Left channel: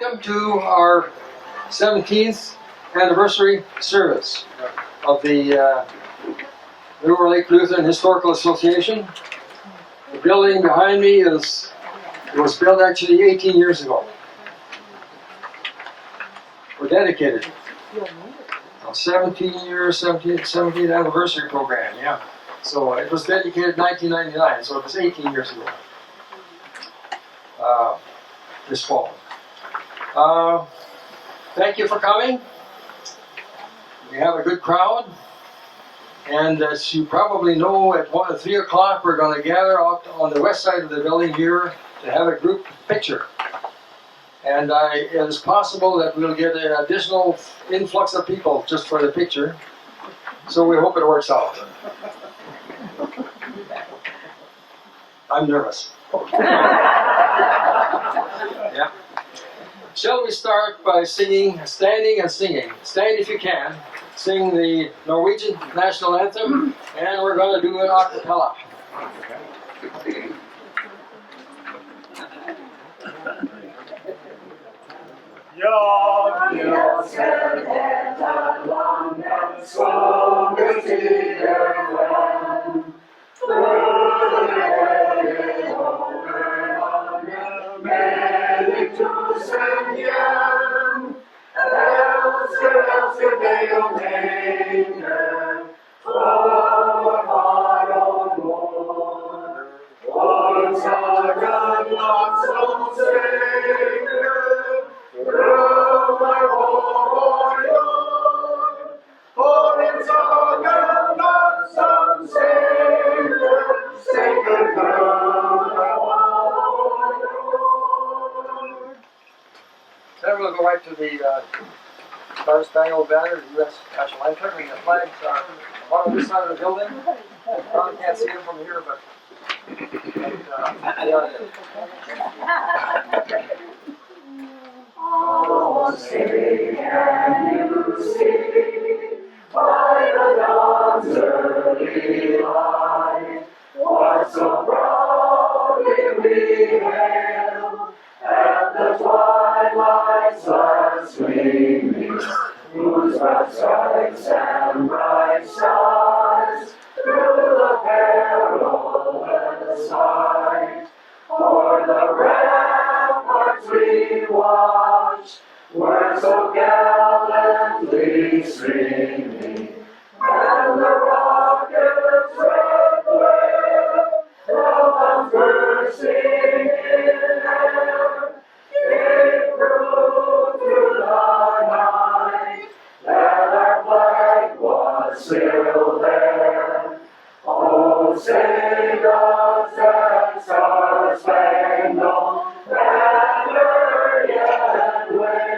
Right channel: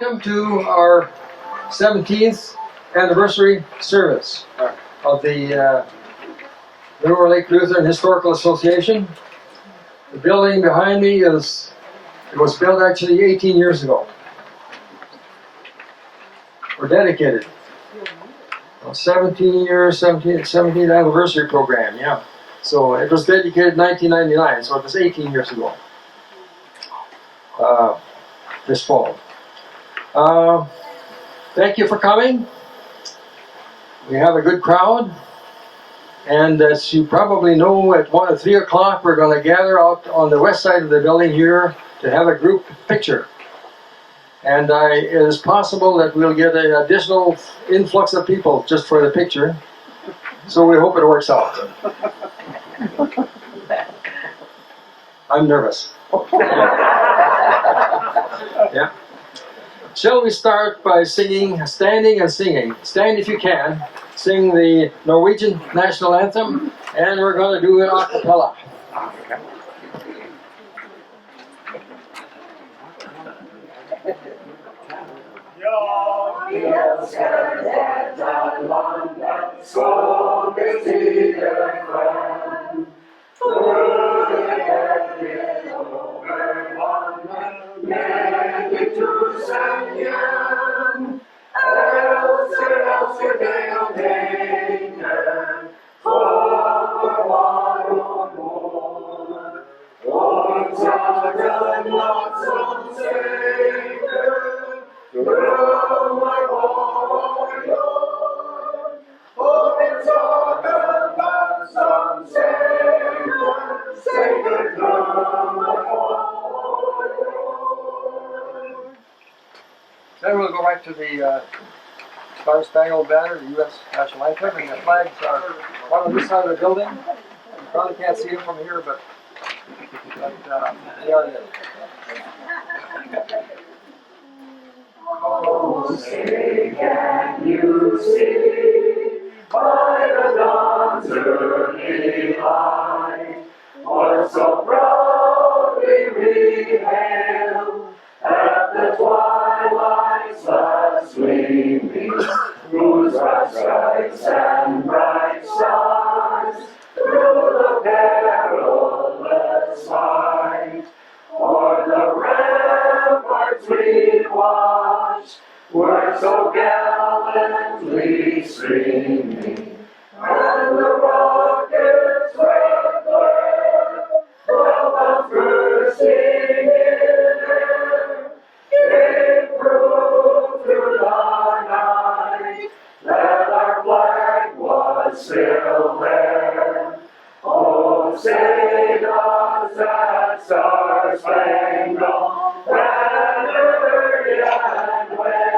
Welcome to our 17th anniversary service of the Norway Lutheran Historical Association. The building behind me was built actually 18 years ago. We're dedicated. 17 years, 17th anniversary program, yeah. So it was dedicated in 1999, so it was 18 years ago. This fall. Thank you for coming. We have a good crowd. And as you probably know, at 1 or 3 o'clock, we're going to gather out on the west side of the building here to have a group picture. And it is possible that we'll get an additional influx of people just for the picture. So we hope it works out. I'm nervous. Yeah. Shall we start by singing, standing and singing? Stand if you can. Sing the Norwegian national anthem, and we're going to do it a cappella. Then we'll go right to the Star Spangled Banner, the U.S. national anthem, and the flags are one on this side of the building. You probably can't see them from here, but they are there. Oh, say can you see by the dawn's early light what so proudly we hailed at the twilight's last gleaming, whose bright stripes and bright stars through the perilous fight o'er the ramparts we watched were so gallantly streaming, and the rocket's red glare, the bombs bursting in air, gave proof through the night that our flag was still there. Oh, say does that star-spangled banner yet wave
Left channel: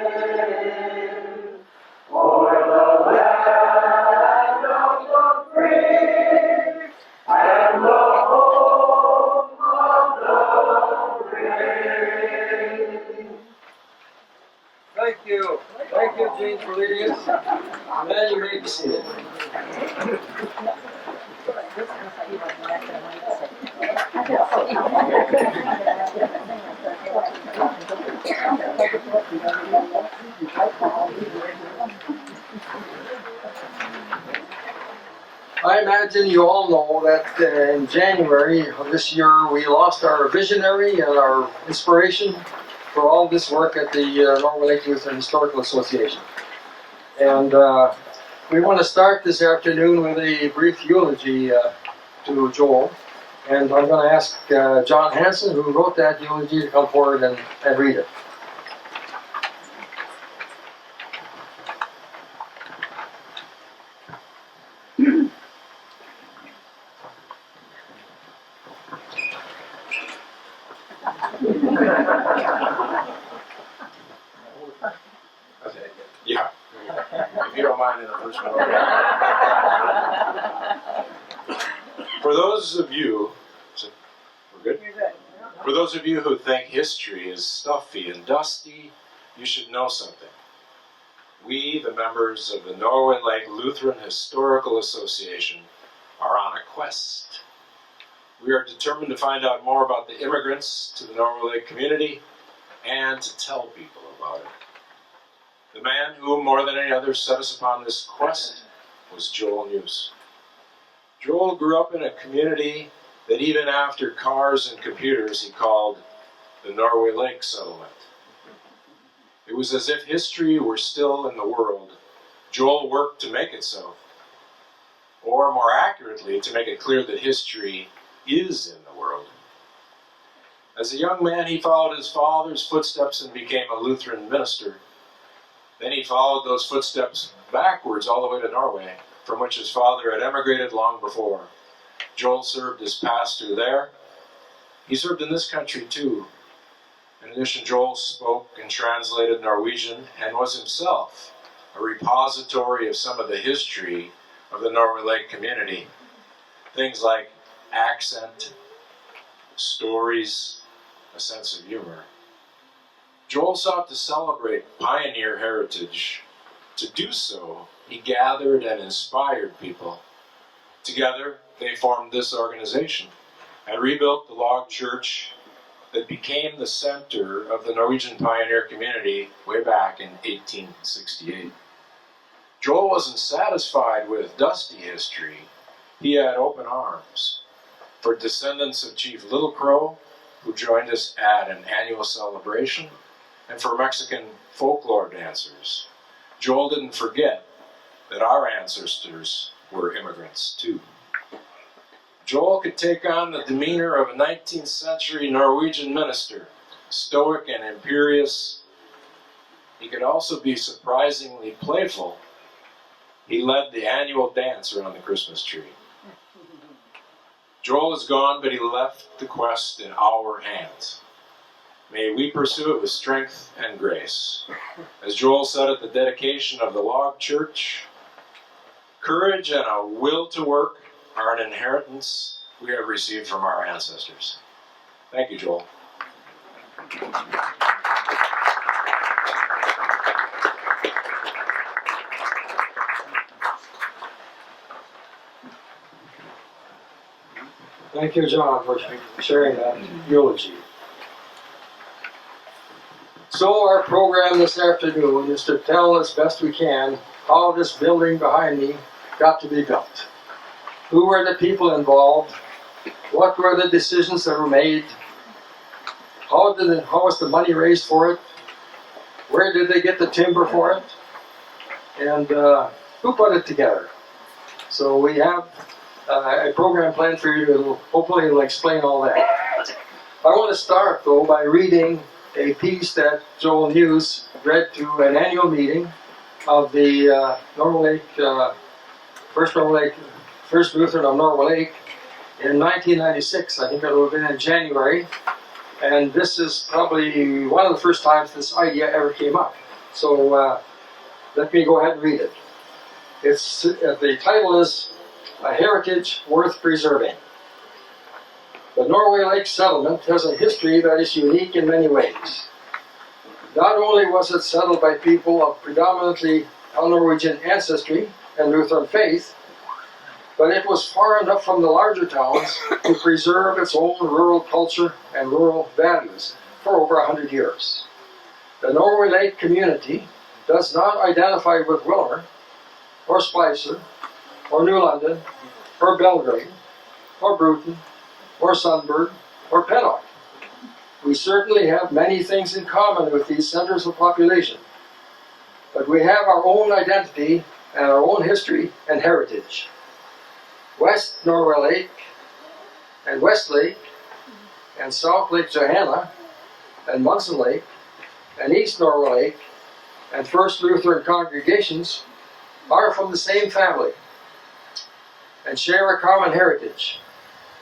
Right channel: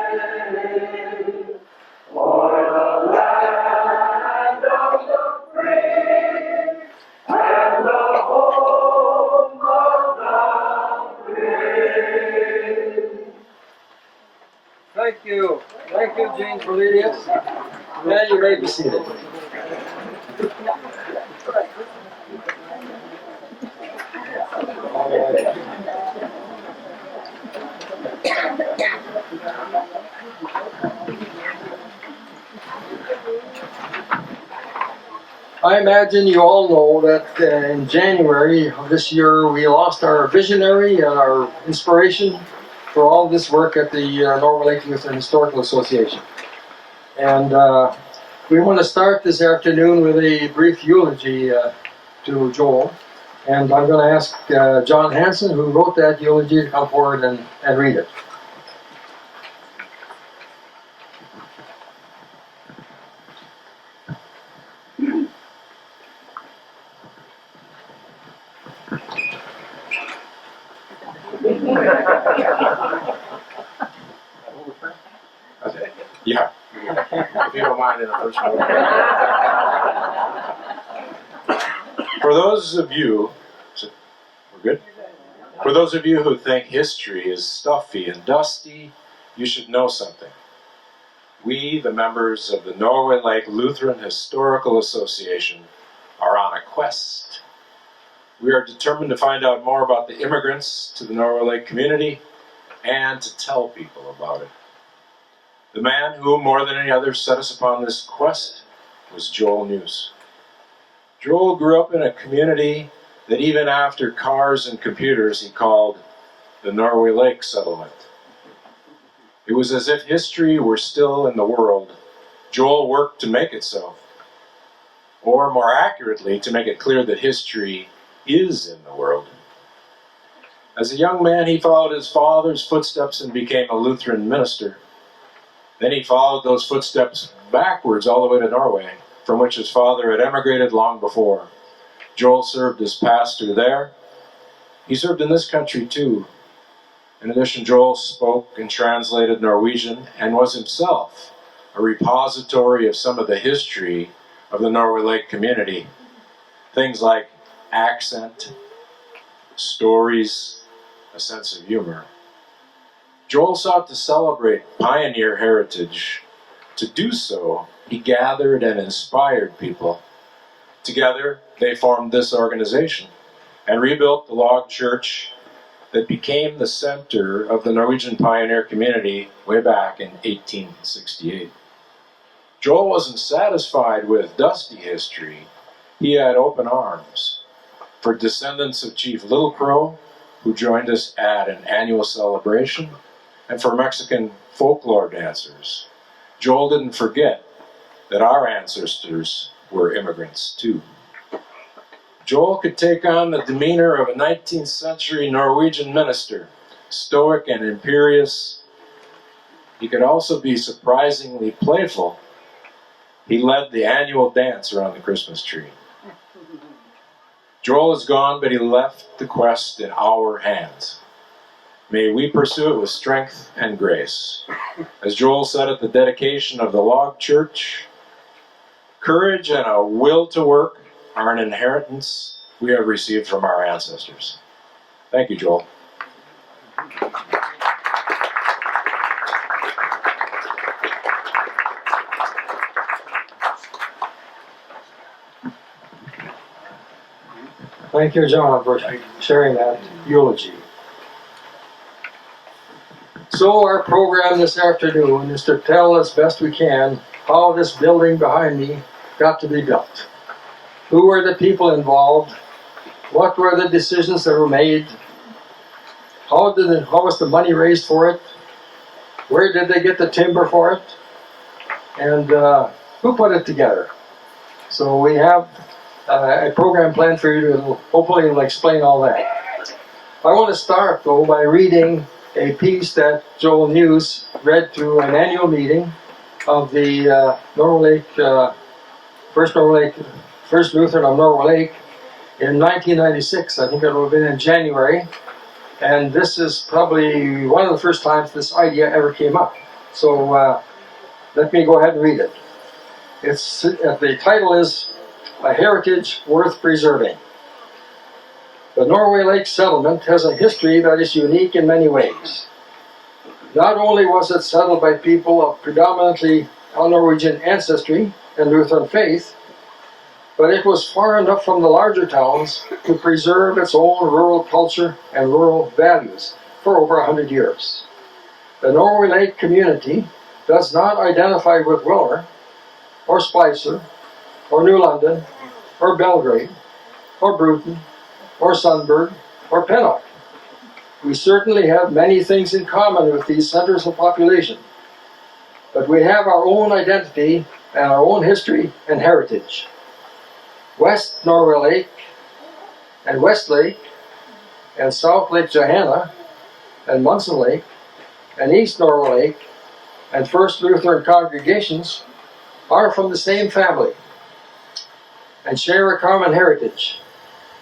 o'er the land of the free and the home of the brave? Thank you. Thank you, Jane, for leading us. Then you may be seated. I imagine you all know that in January of this year we lost our visionary and our inspiration for all this work at the Norway Lutheran Historical Association. And we want to start this afternoon with a brief eulogy to Joel. And I'm going to ask John Hansen, who wrote that eulogy, to come forward and read it. Yeah, if you don't mind in the first one. For those of you, we're good? For those of you who think history is stuffy and dusty, you should know something. We, the members of the Norway Lake Lutheran Historical Association, are on a quest. We are determined to find out more about the immigrants to the Norway Lake community and to tell people about it. The man who, more than any other, set us upon this quest was Joel News. Joel grew up in a community that even after cars and computers he called the Norway Lake Settlement. It was as if history were still in the world. Joel worked to make it so. Or more accurately, to make it clear that history is in the world. As a young man, he followed his father's footsteps and became a Lutheran minister. Then he followed those footsteps backwards all the way to Norway, from which his father had emigrated long before. Joel served as pastor there. He served in this country too. In addition, Joel spoke and translated Norwegian and was himself a repository of some of the history of the Norway Lake community. Things like accent, stories, a sense of humor. Joel sought to celebrate pioneer heritage. To do so, he gathered and inspired people. Together, they formed this organization and rebuilt the log church that became the center of the Norwegian pioneer community way back in 1868. Joel wasn't satisfied with dusty history. He had open arms for descendants of Chief Little Crow, who joined us at an annual celebration, and for Mexican folklore dancers. Joel didn't forget that our ancestors were immigrants too. Joel could take on the demeanor of a 19th century Norwegian minister, stoic and imperious. He could also be surprisingly playful. He led the annual dance around the Christmas tree. Joel is gone, but he left the quest in our hands. May we pursue it with strength and grace. As Joel said at the dedication of the log church, courage and a will to work are an inheritance we have received from our ancestors. Thank you, Joel. Thank you, John, for sharing that eulogy. So our program this afternoon is to tell as best we can how this building behind me got to be built. Who were the people involved? What were the decisions that were made? How was the money raised for it? Where did they get the timber for it? And who put it together? So we have a program planned for you to hopefully explain all that. I want to start though by reading a piece that Joel News read to an annual meeting of the Norway Lake, First Lutheran of Norway Lake in 1996. I think it would have been in January. And this is probably one of the first times this idea ever came up. So let me go ahead and read it. The title is A Heritage Worth Preserving. The Norway Lake settlement has a history that is unique in many ways. Not only was it settled by people of predominantly Norwegian ancestry and Lutheran faith, but it was far enough from the larger towns to preserve its own rural culture and rural values for over 100 years. The Norway Lake community does not identify with Wilner, or Spicer, or New London, or Belgrade, or Bruton, or Sundberg, or Pennock. We certainly have many things in common with these centers of population, but we have our own identity and our own history and heritage. West Norway Lake, and West Lake, and South Lake Johanna, and Munson Lake, and East Norway Lake, and First Lutheran congregations are from the same family and share a common heritage,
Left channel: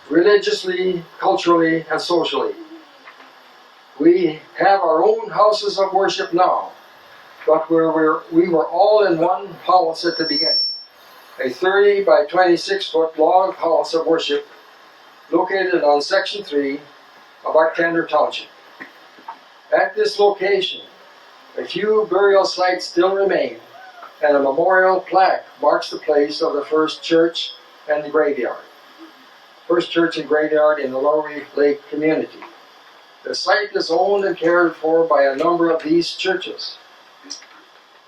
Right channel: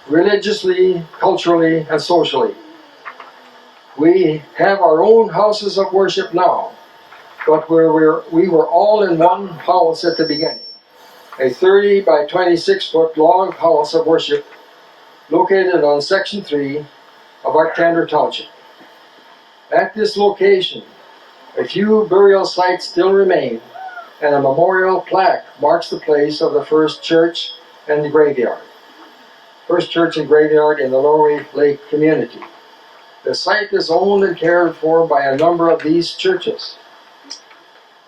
religiously, culturally, and socially. We have our own houses of worship now, but we were all in one house at the beginning. A 30 by 26 foot log house of worship located on Section 3 of Arctander Township. At this location, a few burial sites still remain, and a memorial plaque marks the place of the first church and graveyard. First church and graveyard in the Norway Lake community. The site is owned and cared for by a number of these churches.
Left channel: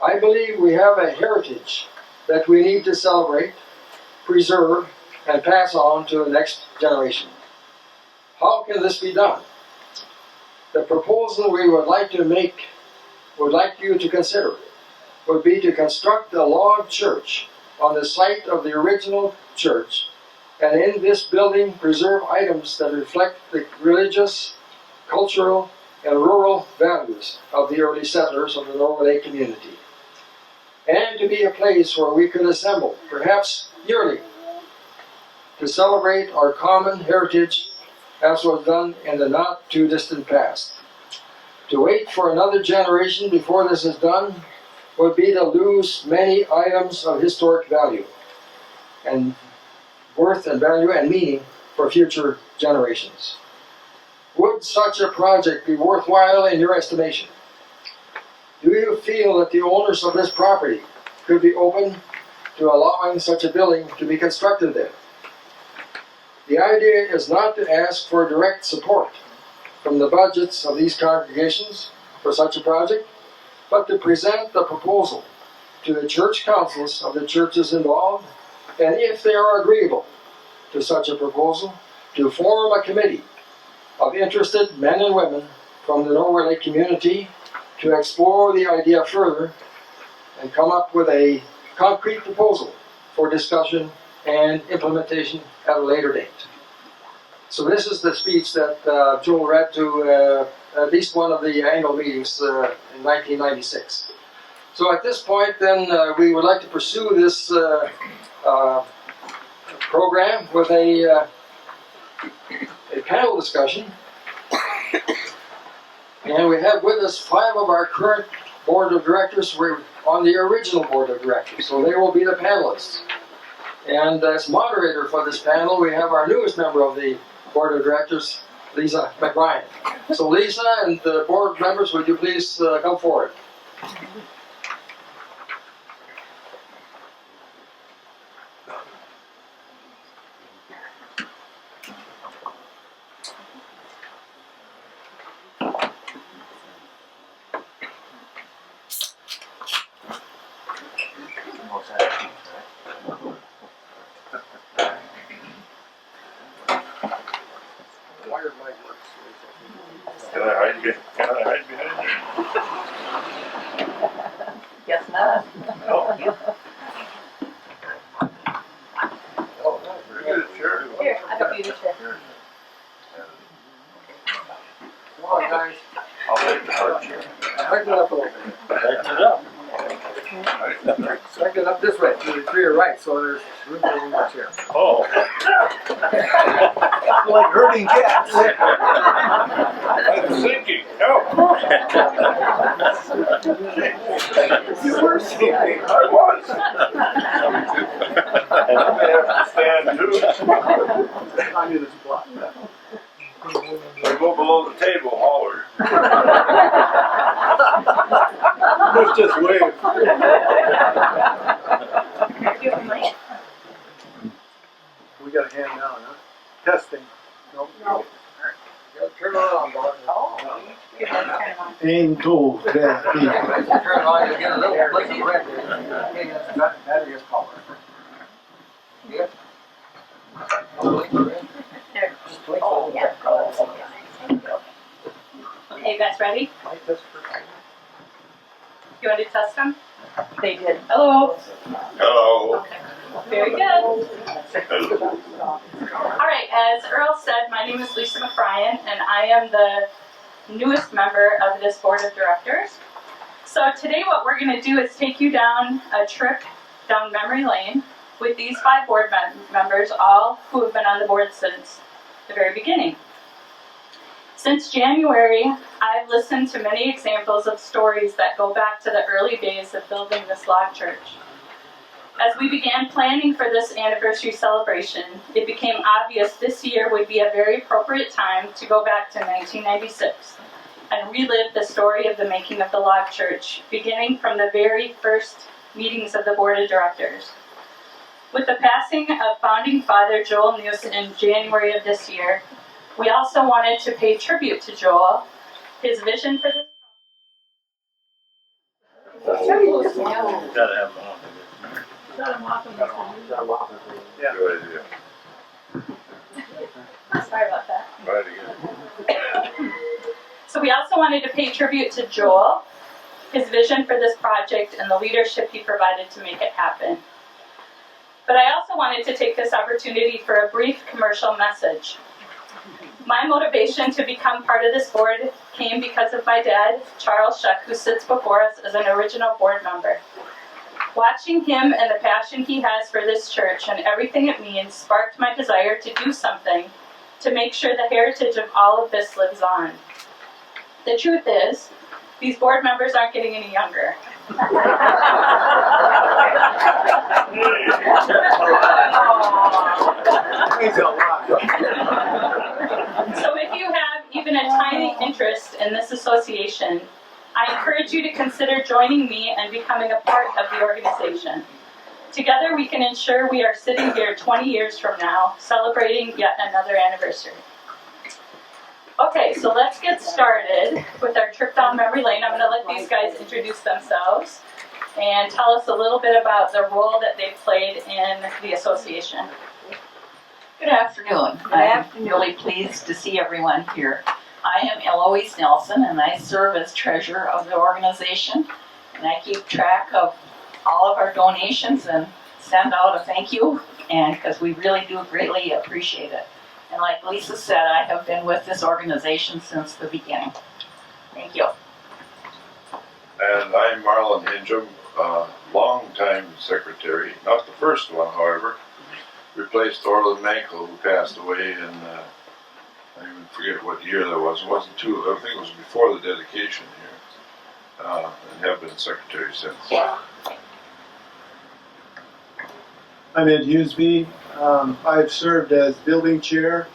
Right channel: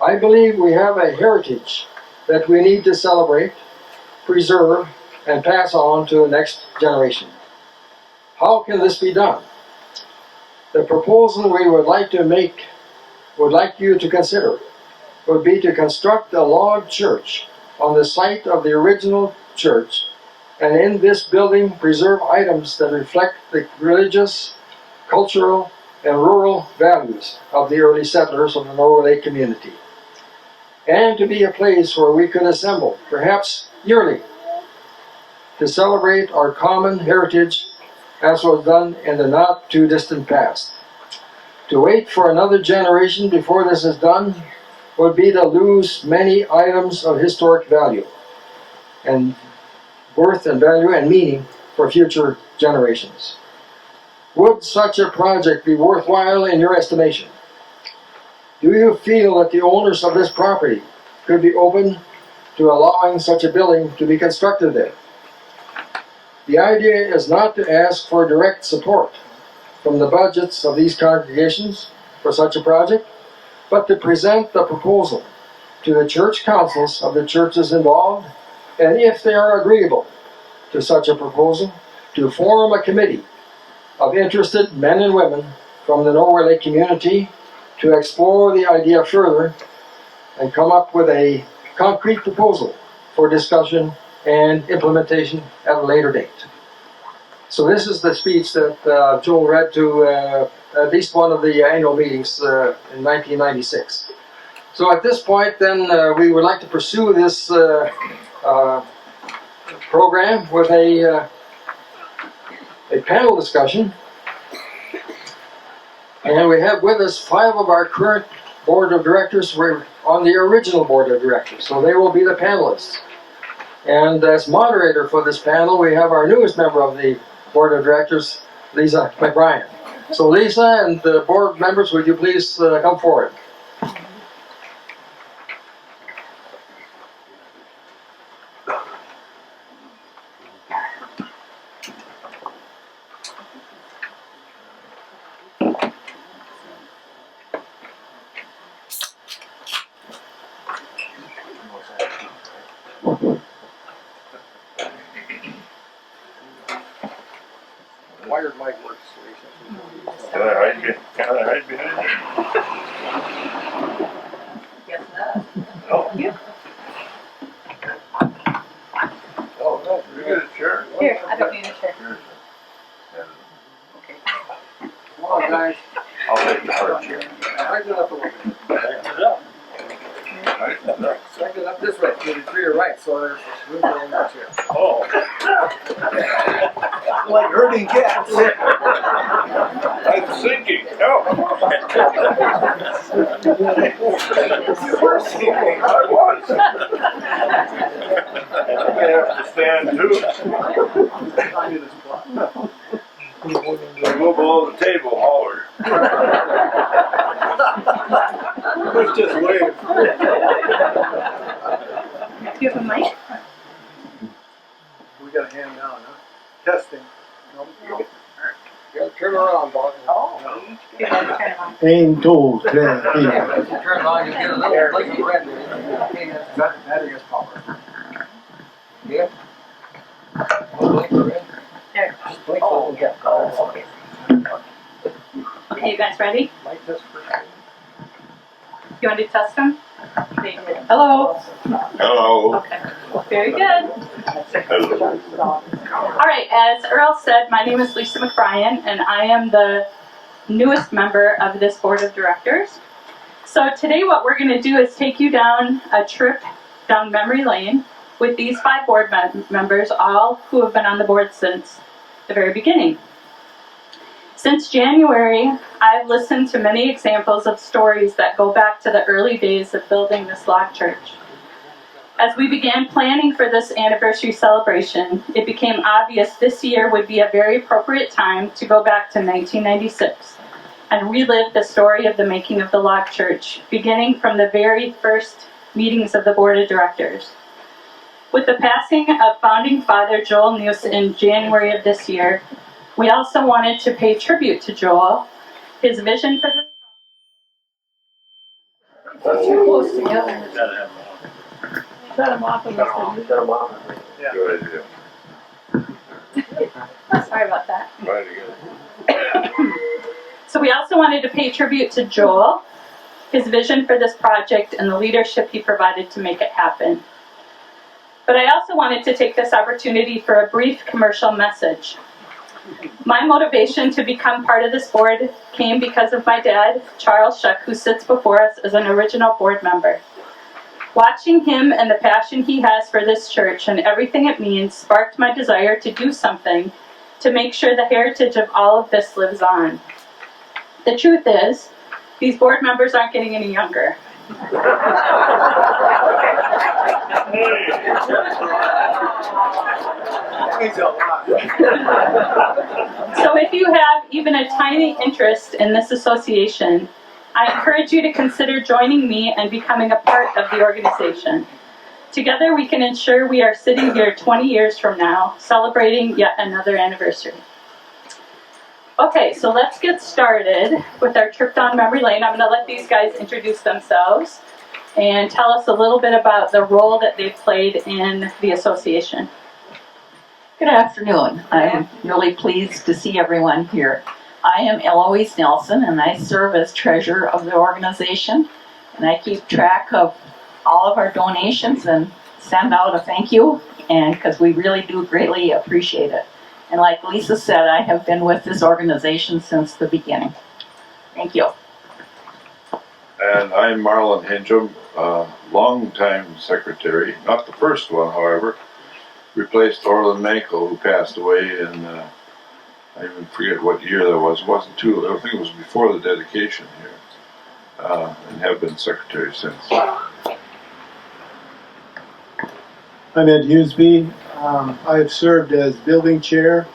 I believe we have a heritage that we need to celebrate, preserve, and pass on to the next generation. How can this be done? The proposal we would like you to consider, would be to construct a log church on the site of the original church, and in this building preserve items that reflect the religious, cultural, and rural values of the early settlers of the Norway Lake community. And to be a place where we could assemble, perhaps yearly, to celebrate our common heritage as was done in the not too distant past. To wait for another generation before this is done would be to lose many items of historic value and worth and value and meaning for future generations. Would such a project be worthwhile in your estimation? Do you feel that the owners of this property could be open to allowing such a building to be constructed there? The idea is not to ask for direct support from the budgets of these congregations for such a project, but to present the proposal to the church councils of the churches involved, and if they are agreeable to such a proposal, to form a committee of interested men and women from the Norway Lake community to explore the idea further and come up with a concrete proposal for discussion and implementation at a later date. So this is the speech that Joel read to at least one of the annual meetings in 1996. So at this point then we would like to pursue this program with a panel discussion. And we have with us 5 of our current board of directors. We're on the original board of directors, so they will be the panelists. And as moderator for this panel, we have our newest member of the board of directors, Lisa McBrien. So Lisa and the board members, would you please come forward? Wired mic works. Can I hide behind you? Guess not. Oh. Oh, no, very good, sure. Here, I don't need a chair. Here's Okay. Come on, guys. I'll take the hard chair. Tighten it up a little bit. Tighten it up. Tighten it up. Tighten it up this way, to your right, so there's room for one more chair. Oh. Like herding cats. I'm sinking. No. You were sinking. I was. And I'm gonna have to stand too. I knew this plot. I go below the table, holler. Let's just wave. Do you have a mic? We got a hand down, huh? Testing. Nope. You gotta turn it on, Bob. Oh. You gotta turn it on. Aim tool, If you turn it on, you get a little blink of red there. Okay, that's battery is power. Yeah? No blink of red? There. Just blink a Oh, little yeah. bit. Oh, okay. Are you guys ready? Mic test for You want to test them? They did. Hello. Hello. Okay. Very good. Hello. All right. As Earl said, my name is Lisa McBrien, and I am the newest member of this board of directors. So today what we're going to do is take you down a trip down memory lane with these 5 board members, all who have been on the board since the very beginning. Since January, I've listened to many examples of stories that go back to the early days of building this log church. As we began planning for this anniversary celebration, it became obvious this year would be a very appropriate time to go back to 1996 and relive the story of the making of the log church, beginning from the very first meetings of the board of directors. With the passing of founding father Joel News in January of this year, We also wanted to pay tribute to Joel. His vision for this. Too close together. Gotta have them on. Shut them off in this thing. Shut them off. Yeah. Good idea. Sorry about that. Right again. So we also wanted to pay tribute to Joel, his vision for this project, and the leadership he provided to make it happen. But I also wanted to take this opportunity for a brief commercial message. My motivation to become part of this board came because of my dad, Charles Shuck, who sits before us as an original board member. Watching him and the passion he has for this church and everything it means sparked my desire to do something to make sure the heritage of all of this lives on. The truth is, these board members aren't getting any younger. So if you have even a tiny interest in this association, I encourage you to consider joining me and becoming a part of the organization. Together we can ensure we are sitting here 20 years from now, celebrating yet another anniversary. Okay, so let's get started with our trip down memory lane. I'm going to let these guys introduce themselves and tell us a little bit about the role that they've played in the association. Good afternoon. I'm really pleased to see everyone here. I am Eloise Nelson, and I serve as treasurer of the organization, and I keep track of all of our donations and send out a thank you, and because we really do greatly appreciate it. And like Lisa said, I have been with this organization since the beginning. Thank you. And I'm Marlon Hingham, longtime secretary, not the first one, however. Replaced Orland Mankel, who passed away in, I even forget what year that was. It wasn't too, I think it was before the dedication here, and have been secretary since. I'm Ed Hughesby. I've served as building chair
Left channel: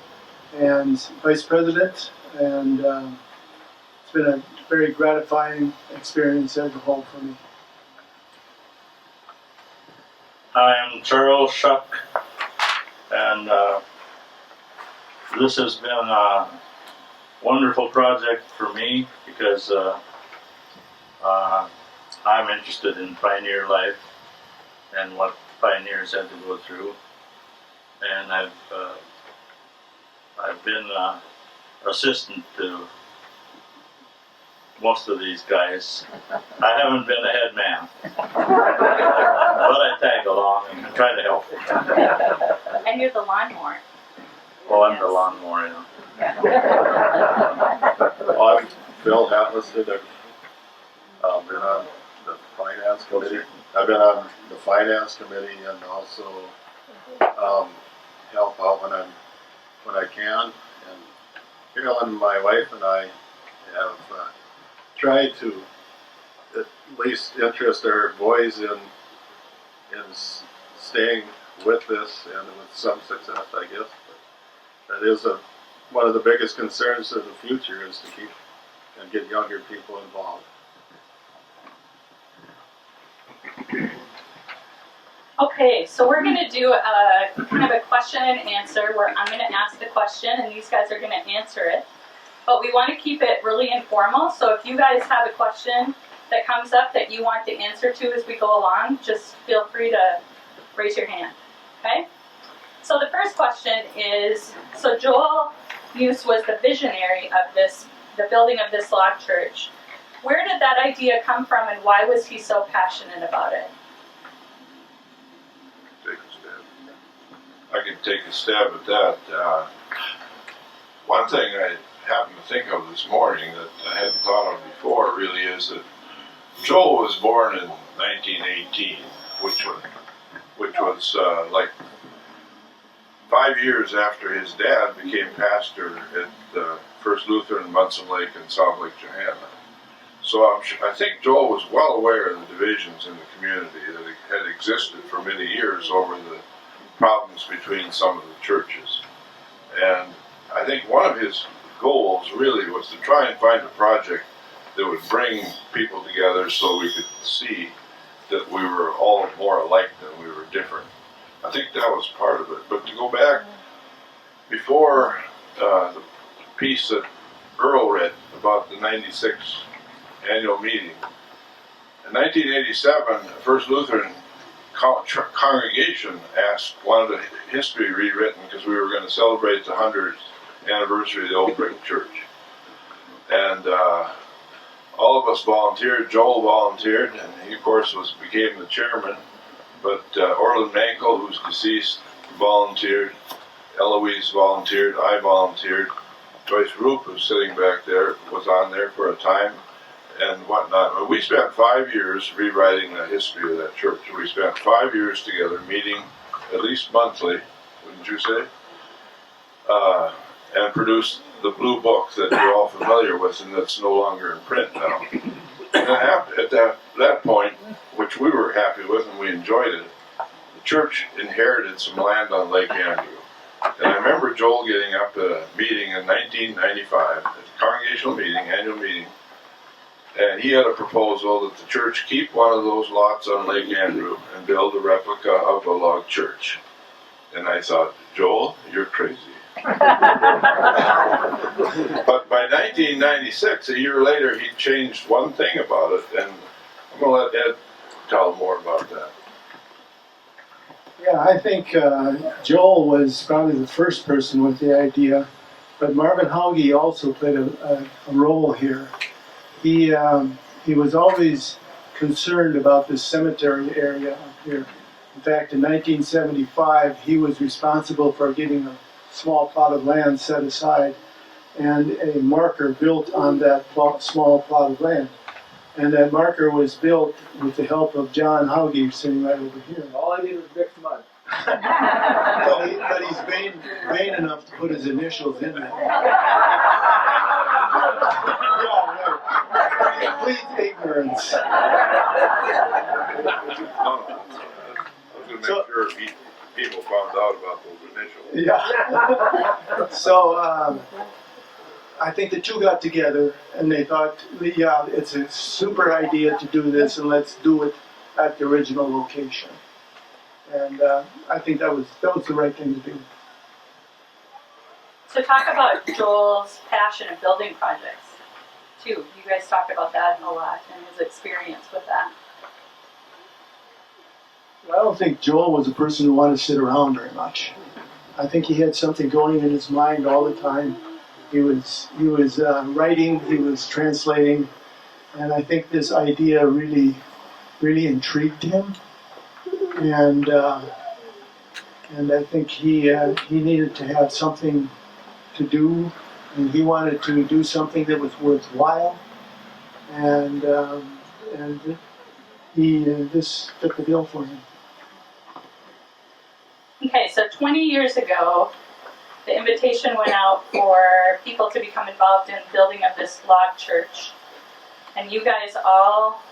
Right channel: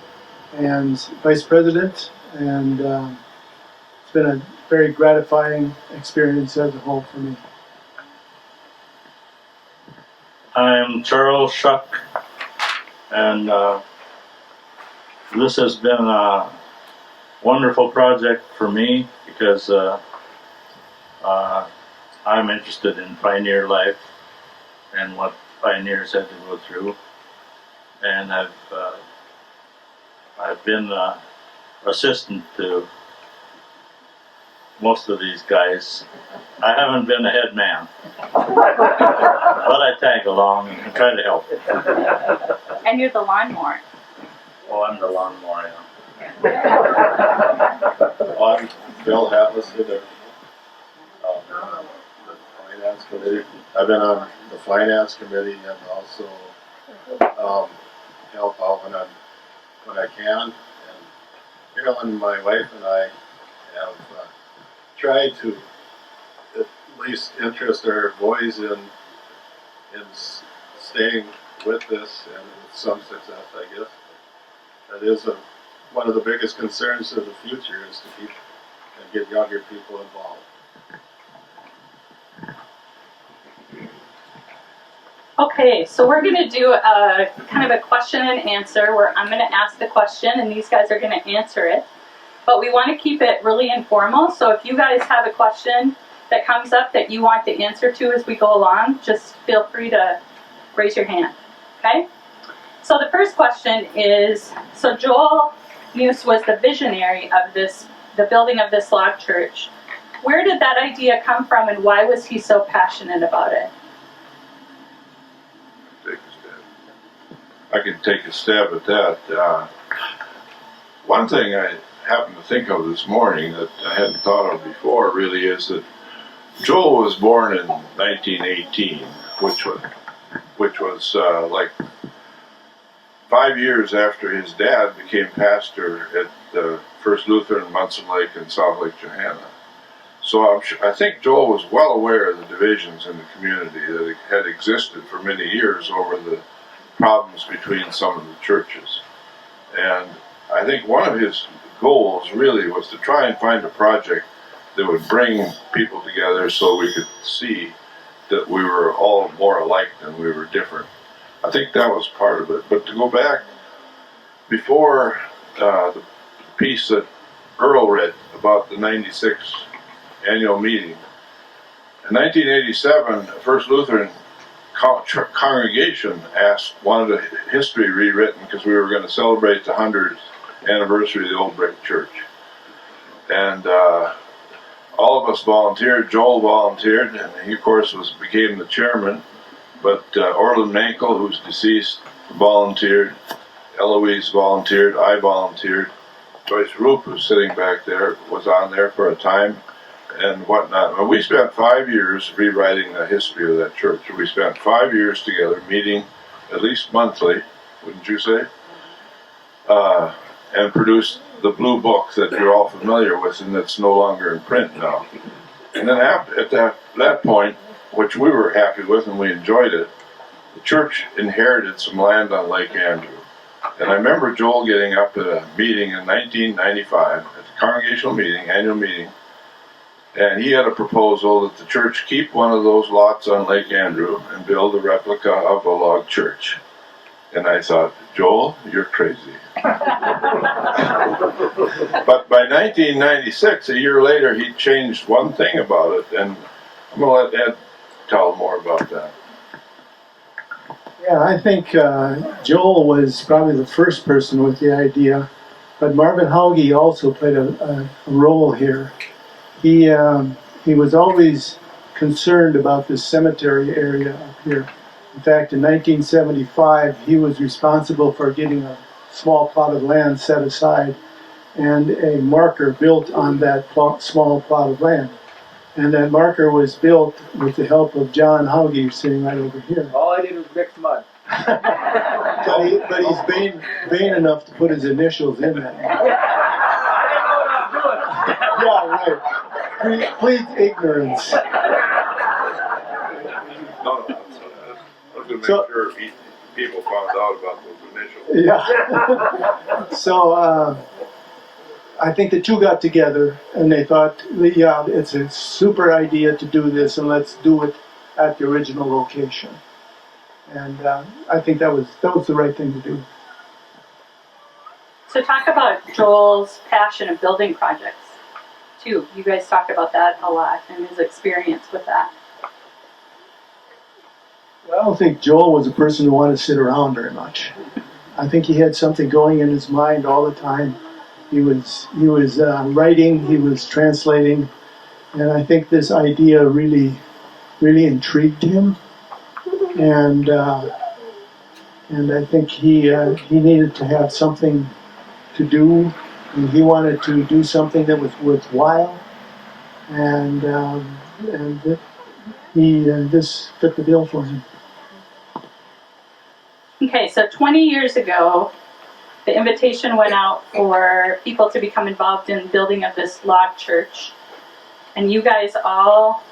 and vice president, and it's been a very gratifying experience as a whole for me. I'm Charles Shuck, and this has been a wonderful project for me because I'm interested in pioneer life and what pioneers had to go through, and I've been assistant to most of these guys. I haven't been a head man, but I tag along and try to help. And you're the lawnmower. Oh, I'm the lawnmower, I'm Bill Hatlison. I've been on the finance committee. I've been on the finance committee and also help out when I can. And Carolyn, my wife, and I have tried to at least interest our boys in staying with this, and with some success, I guess. But that is one of the biggest concerns of the future, is to keep and get younger people involved. Okay, so we're going to do a kind of a question and answer where I'm going to ask the question and these guys are going to answer it. But we want to keep it really informal, so if you guys have a question that comes up that you want the answer to as we go along, just feel free to raise your hand, okay? So the first question is, so Joel Muse was the visionary of the building of this log church. Where did that idea come from, and why was he so passionate about it? I can take a stab at that. One thing I happened to think of this morning that I hadn't thought of before really is that Joel was born in 1918, which was like 5 years after his dad became pastor at the First Lutheran in Munson Lake and South Lake Johanna. So I think Joel was well aware of the divisions in the community that had existed for many years over the problems between some of the churches. And I think one of his goals really was to try and find a project that would bring people together so we could see that we were all more alike than we were different. I think that was part of it. But to go back, before the piece that Earl read about the 96 annual meeting. In 1987, First Lutheran congregation wanted a history rewritten because we were going to celebrate the 100th anniversary of the old brick church. And all of us volunteered. Joel volunteered, and he, of course, became the chairman. But Orland Mankel, who's deceased, volunteered. Eloise volunteered. I volunteered. Joyce Roop, who's sitting back there, was on there for a time, and whatnot. And we spent 5 years rewriting the history of that church. We spent 5 years together, meeting at least monthly, wouldn't you say? And produced the blue book that you're all familiar with, and that's no longer in print now. And then at that point, which we were happy with and we enjoyed it, the church inherited some land on Lake Andrew. And I remember Joel getting up at a meeting in 1995, at the congregational meeting, annual meeting, and he had a proposal that the church keep one of those lots on Lake Andrew and build a replica of a log church. And I thought, Joel, you're crazy. But by 1996, a year later, he changed one thing about it, and I'm going to let Ed tell more about that. Yeah, I think Joel was probably the first person with the idea, but Marvin Hauge also played a role here. He was always concerned about this cemetery area up here. In fact, in 1975, he was responsible for getting a small plot of land set aside and a marker built on that small plot of land. And that marker was built with the help of John Hauge, sitting right over here. All I did was mix mud. But he's vain enough to put his initials in there. Yeah, right. Please, ignorance. No, I was going to make sure people found out about those initials. Yeah. So I think the two got together and they thought, yeah, it's a super idea to do this, and let's do it at the original location. And I think that was the right thing to do. So talk about Joel's passion of building projects, too. You guys talked about that a lot and his experience with that. I don't think Joel was a person who wanted to sit around very much. I think he had something going in his mind all the time. He was writing, he was translating, and I think this idea really intrigued him. And I think he needed to have something to do, and he wanted to do something that was worthwhile, and this fit the bill for him. Okay, so 20 years ago, the invitation went out for people to become involved in building of this log church, and you guys all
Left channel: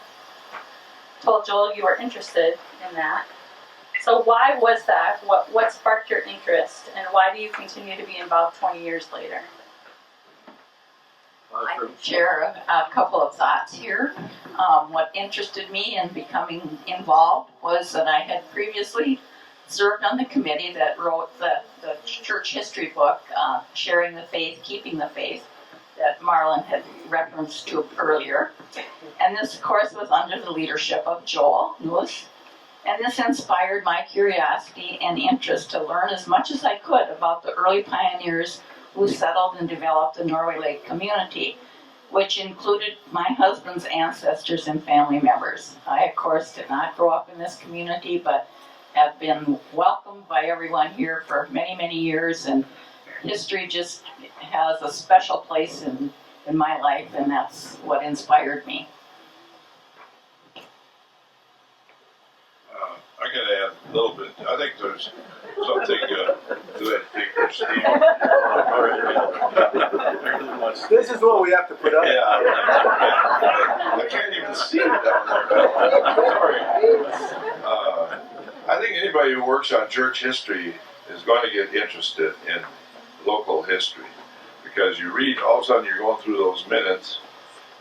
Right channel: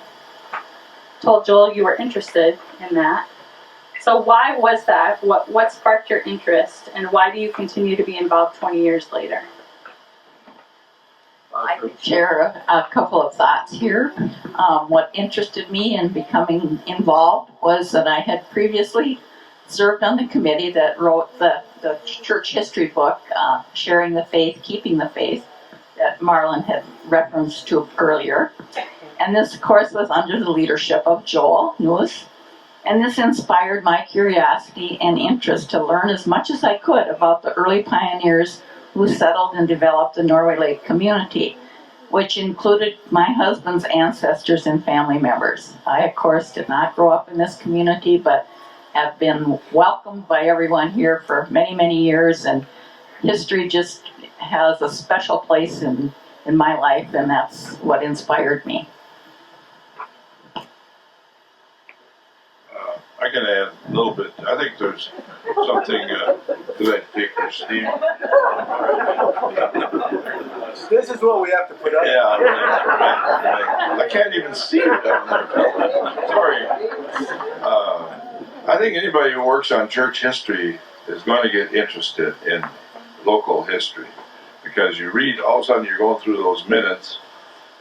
told Joel you were interested in that. So why was that? What sparked your interest, and why do you continue to be involved 20 years later? I could share a couple of thoughts here. What interested me in becoming involved was that I had previously served on the committee that wrote the church history book, Sharing the Faith, Keeping the Faith, that Marlon had referenced to earlier. And this, of course, was under the leadership of Joel Lewis. And this inspired my curiosity and interest to learn as much as I could about the early pioneers who settled and developed the Norway Lake community, which included my husband's ancestors and family members. I, of course, did not grow up in this community, but have been welcomed by everyone here for many, many years, and history just has a special place in my life, and that's what inspired me. I can add a little bit. I think there's something to that picture, Steve. This is what we have to put up. Yeah, I can't even see it down there. Sorry. I think anybody who works on church history is going to get interested in local history, because you read, all of a sudden you're going through those minutes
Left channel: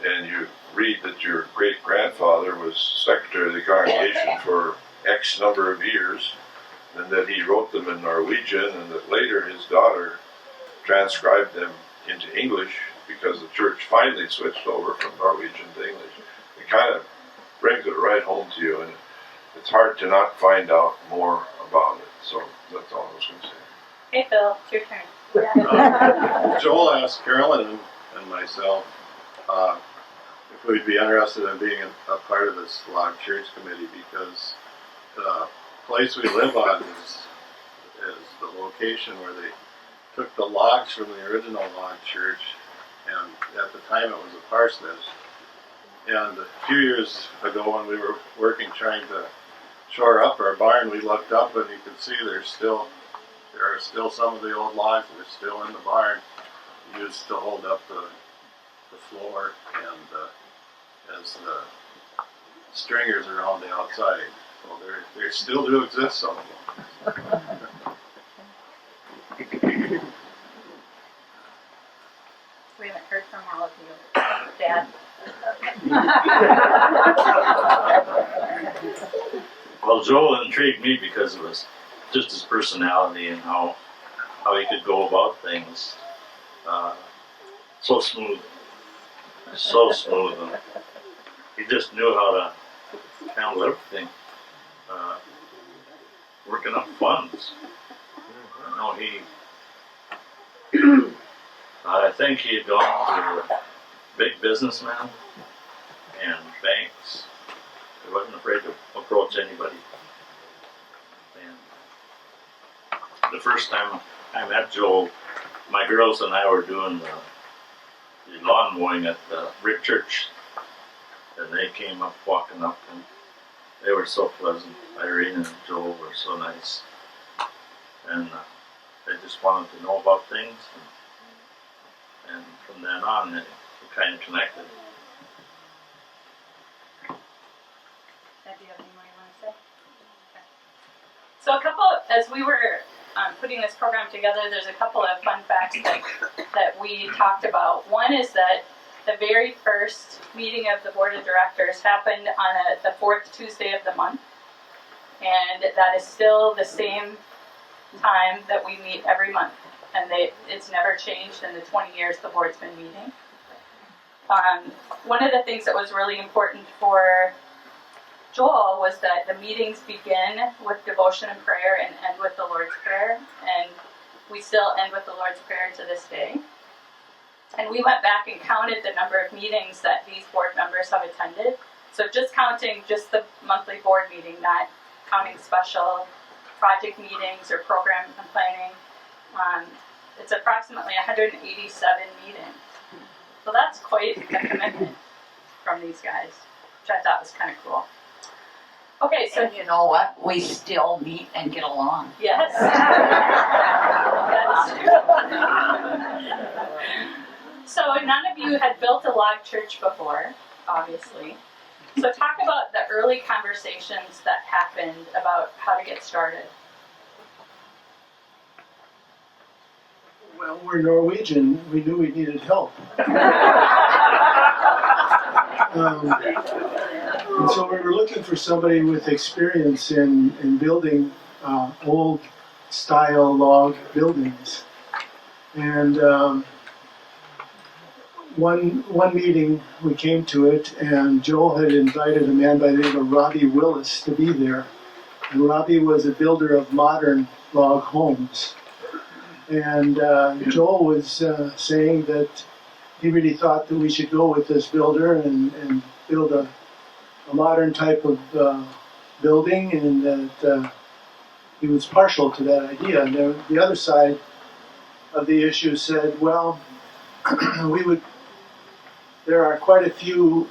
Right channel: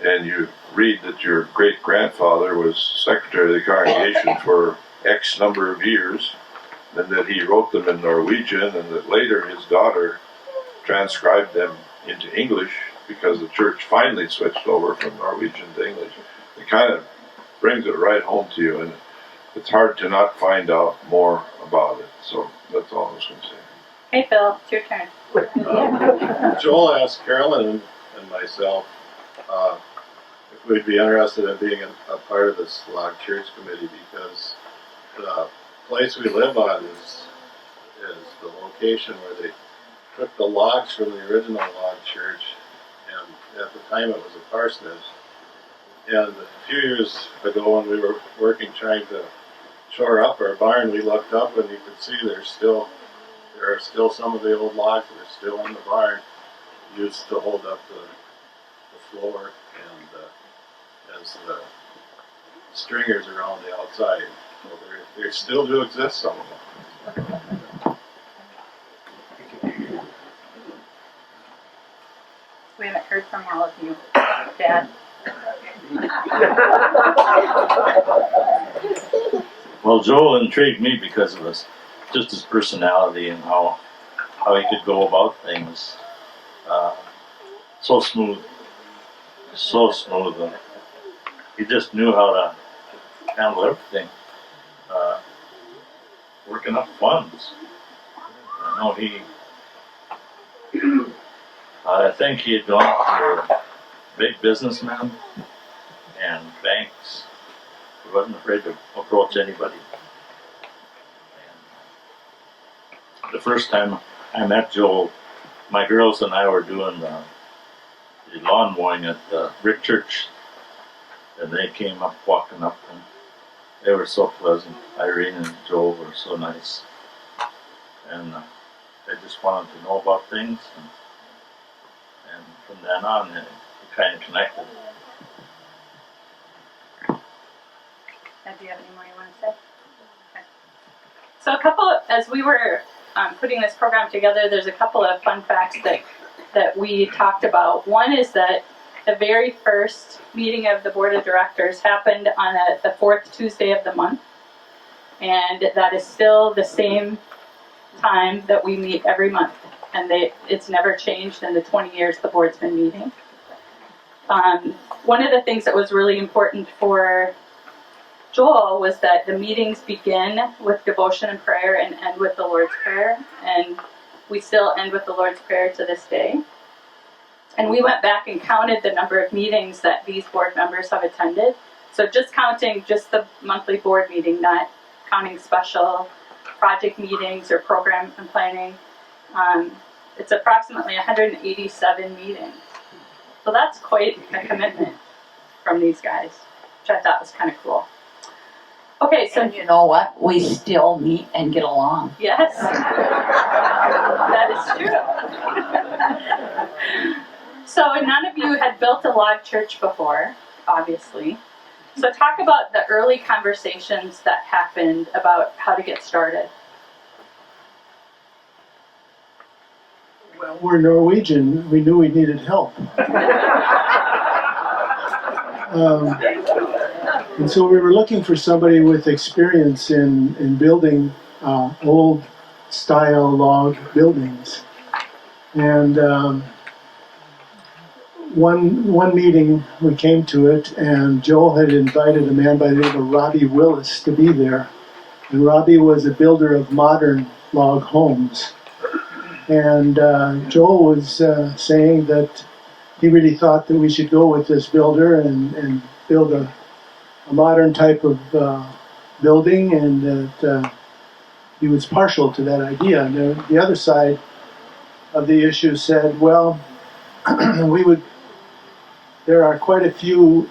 and you read that your great-grandfather was secretary of the congregation for X number of years, and that he wrote them in Norwegian, and that later his daughter transcribed them into English because the church finally switched over from Norwegian to English. It kind of brings it right home to you, and it's hard to not find out more about it. So that's all I was going to say. Hey Phil, it's your turn. Joel asked Carolyn and myself if we'd be interested in being a part of this log church committee, because the place we live on is the location where they took the logs from the original log church, and at the time it was a parsonage. And a few years ago, when we were working trying to shore up our barn, we looked up and you could see there are still some of the old logs that are still in the barn used to hold up the floor and as the stringers around the outside. So they still do exist, some of them. We haven't heard from all of you. Dad? Well, Joel intrigued me because of just his personality and how he could go about things. So smooth. He just knew how to handle everything. Working up funds. I know I think he had gone for big businessmen and banks. He wasn't afraid to approach anybody. And the first time I met Joel, my girls and I were doing the lawn mowing at the Rick Church, and they came up, walking up, and they were so pleasant. Irene and Joel were so nice, and they just wanted to know about things, and from then on, we kind of connected. Do you have any more you want to say? Okay. So as we were putting this program together, there's a couple of fun facts that we talked about. One is that the very first meeting of the board of directors happened on the fourth Tuesday of the month, and that is still the same time that we meet every month, and it's never changed in the 20 years the board's been meeting. One of the things that was really important for Joel was that the meetings begin with devotion and prayer and end with the Lord's Prayer, and we still end with the Lord's Prayer to this day. And we went back and counted the number of meetings that these board members have attended. So just counting just the monthly board meeting, not counting special project meetings or program and planning, it's approximately 187 meetings. So that's quite a commitment from these guys, which I thought was kind of cool. Okay, so And you know what? We still meet and get along. yes, that is true. So none of you had built a log church before, obviously. So talk about the early conversations that happened about how to get started. Well, we're Norwegian. We knew we needed help. And so we were looking for somebody with experience in building old style log buildings. And one meeting we came to it, and Joel had invited a man by the name of Robbie Willis to be there. And Robbie was a builder of modern log homes. And Joel was saying that he really thought that we should go with this builder and build a modern type of building, and that he was partial to that idea. And the other side of the issue said, well, there are quite a few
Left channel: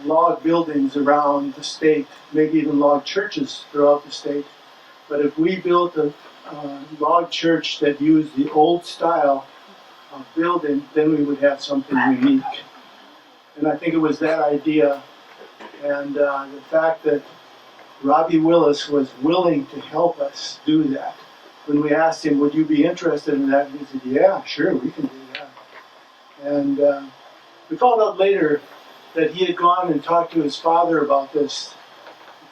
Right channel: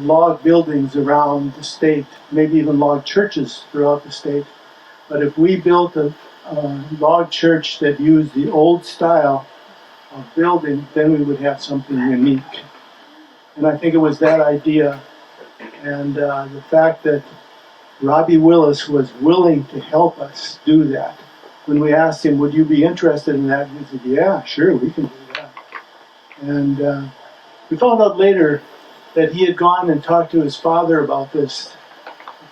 log buildings around the state, maybe even log churches throughout the state. But if we built a log church that used the old style of building, then we would have something unique. And I think it was that idea, and the fact that Robbie Willis was willing to help us do that. When we asked him, would you be interested in that? He said, yeah, sure, we can do that. And we found out later that he had gone and talked to his father about this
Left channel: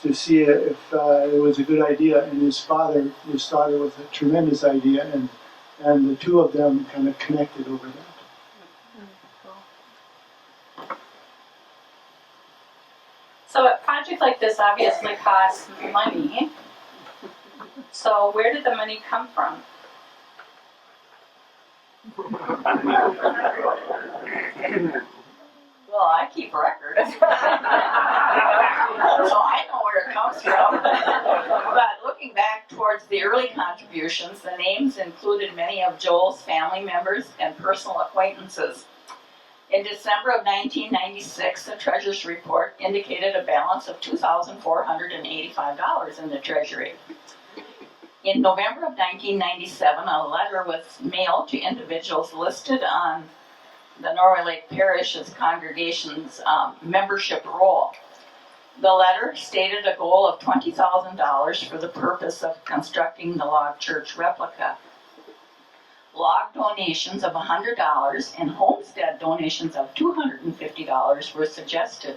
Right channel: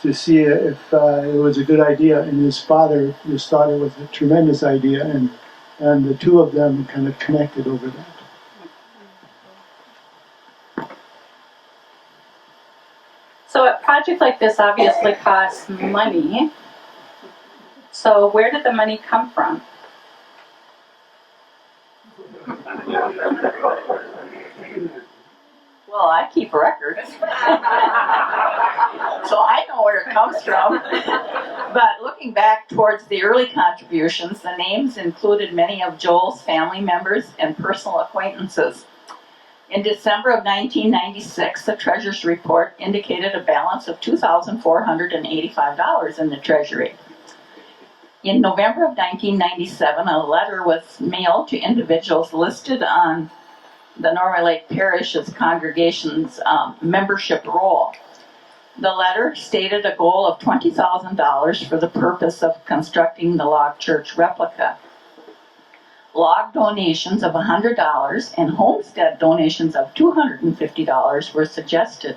to see if it was a good idea, and his father just thought it was a tremendous idea, and and the two of them kind of connected over that. So a project like this obviously costs money. So where did the money come from? Well, I keep record, so I know where it comes from. But looking back towards the early contributions, the names included many of Joel's family members and personal acquaintances. In December of 1996, the treasurer's report indicated a balance of $2,485 in the treasury. In November of 1997, a letter was mailed to individuals listed on the Norway Lake Parish's congregation's membership roll. The letter stated a goal of $20,000 for the purpose of constructing the log church replica. Log donations of $100 and homestead donations of $250 were suggested.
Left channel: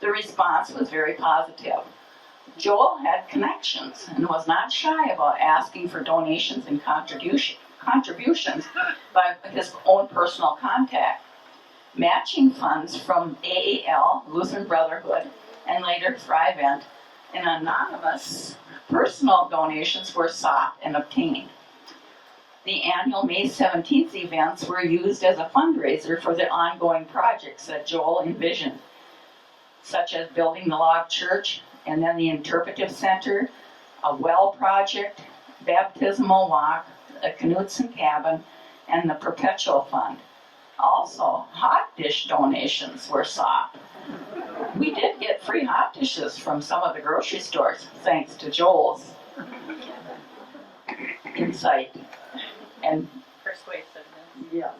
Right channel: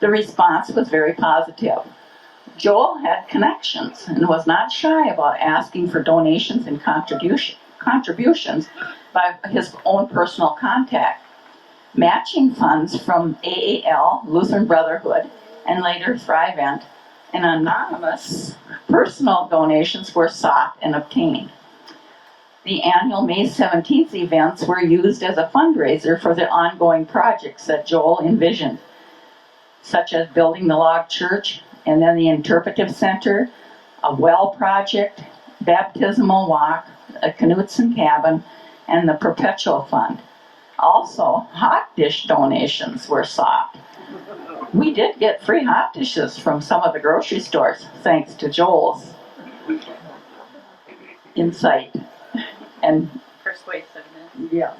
The response was very positive. Joel had connections and was not shy about asking for donations and contributions by his own personal contact. Matching funds from AAL, Lutheran Brotherhood, and later Thrivent, and anonymous personal donations were sought and obtained. The annual May 17th events were used as a fundraiser for the ongoing projects that Joel envisioned, such as building the log church, and then the interpretive center, a well project, baptismal walk, a Knutson cabin, and the perpetual fund. Also, hot dish donations were sought. We did get free hot dishes from some of the grocery stores, thanks to Joel's insight and Persuasiveness. yes.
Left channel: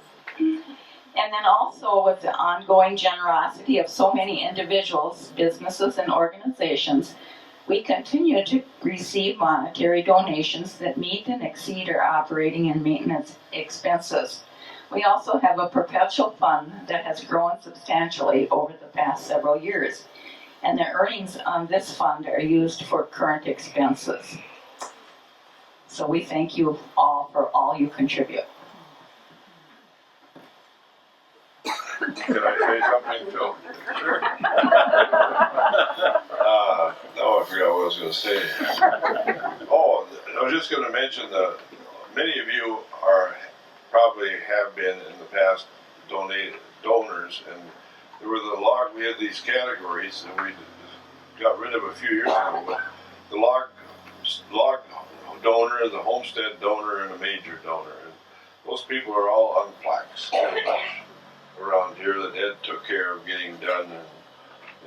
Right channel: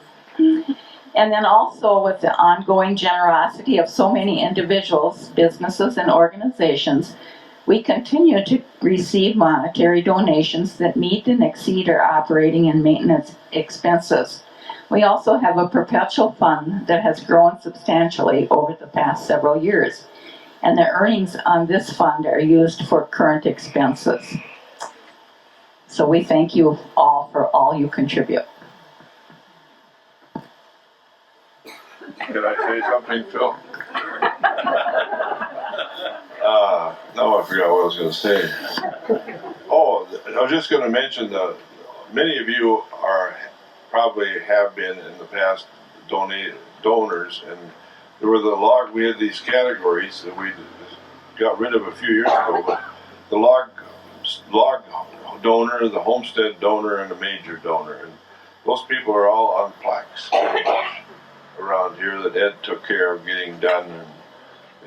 And then also with the ongoing generosity of so many individuals, businesses, and organizations, we continue to receive monetary donations that meet and exceed our operating and maintenance expenses. We also have a perpetual fund that has grown substantially over the past several years, and the earnings on this fund are used for current expenses. So we thank you all for all you contribute. Can I say something, Phil? No, I forgot what I was going to say. Oh, I was just going to mention that many of you probably have been in the past donors, and there were we had these categories that we got rid of a few years ago, but the log donor, the homestead donor, and the major donor, and those people are all on plaques around here that Ed took care of getting done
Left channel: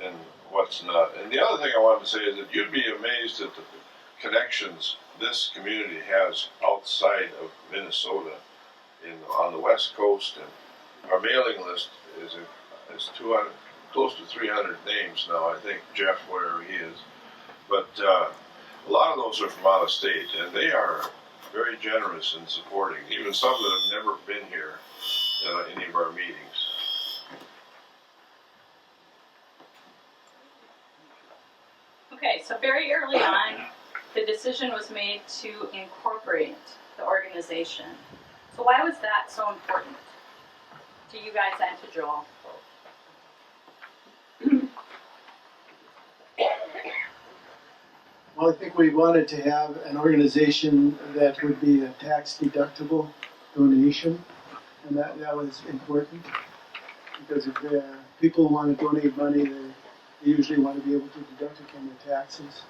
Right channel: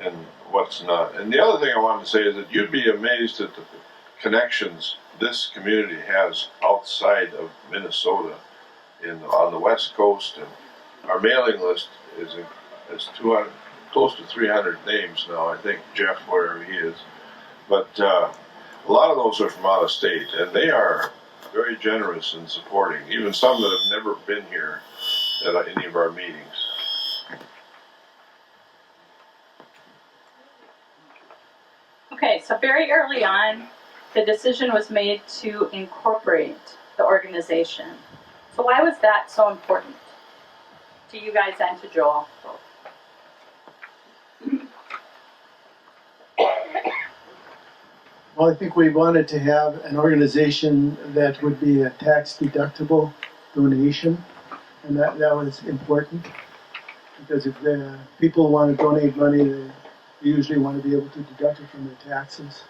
and what's not. And the other thing I wanted to say is that you'd be amazed at the connections this community has outside of Minnesota on the West Coast, and our mailing list is 200, close to 300 names now, I think, Jeff, wherever he is. But a lot of those are from out of state, and they are very generous in supporting, even some that have never been here at any of our meetings. Okay, so very early on, the decision was made to incorporate the organization. So why was that so important to you guys and to Joel? Well, I think we wanted to have an organization that would be a tax-deductible donation, and that was important, because if people want to donate money, they usually want to be able to deduct it from their taxes.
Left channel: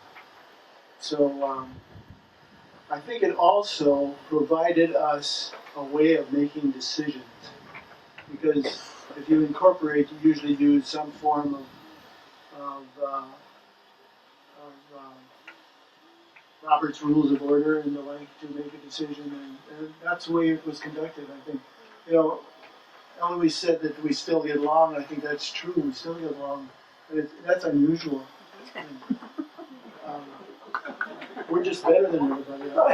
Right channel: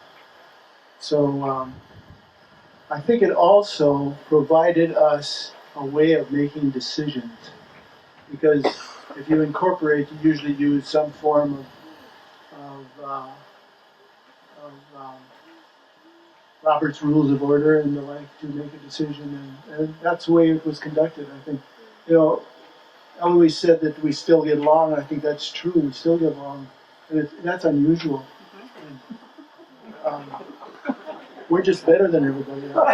So I think it also provided us a way of making decisions, because if you incorporate, you usually use some form of Robert's Rules of Order and the like to make a decision, and that's the way it was conducted. I think, Eloise said that we still get along, and I think that's true. We still get along, and that's unusual. We're just better than everybody else.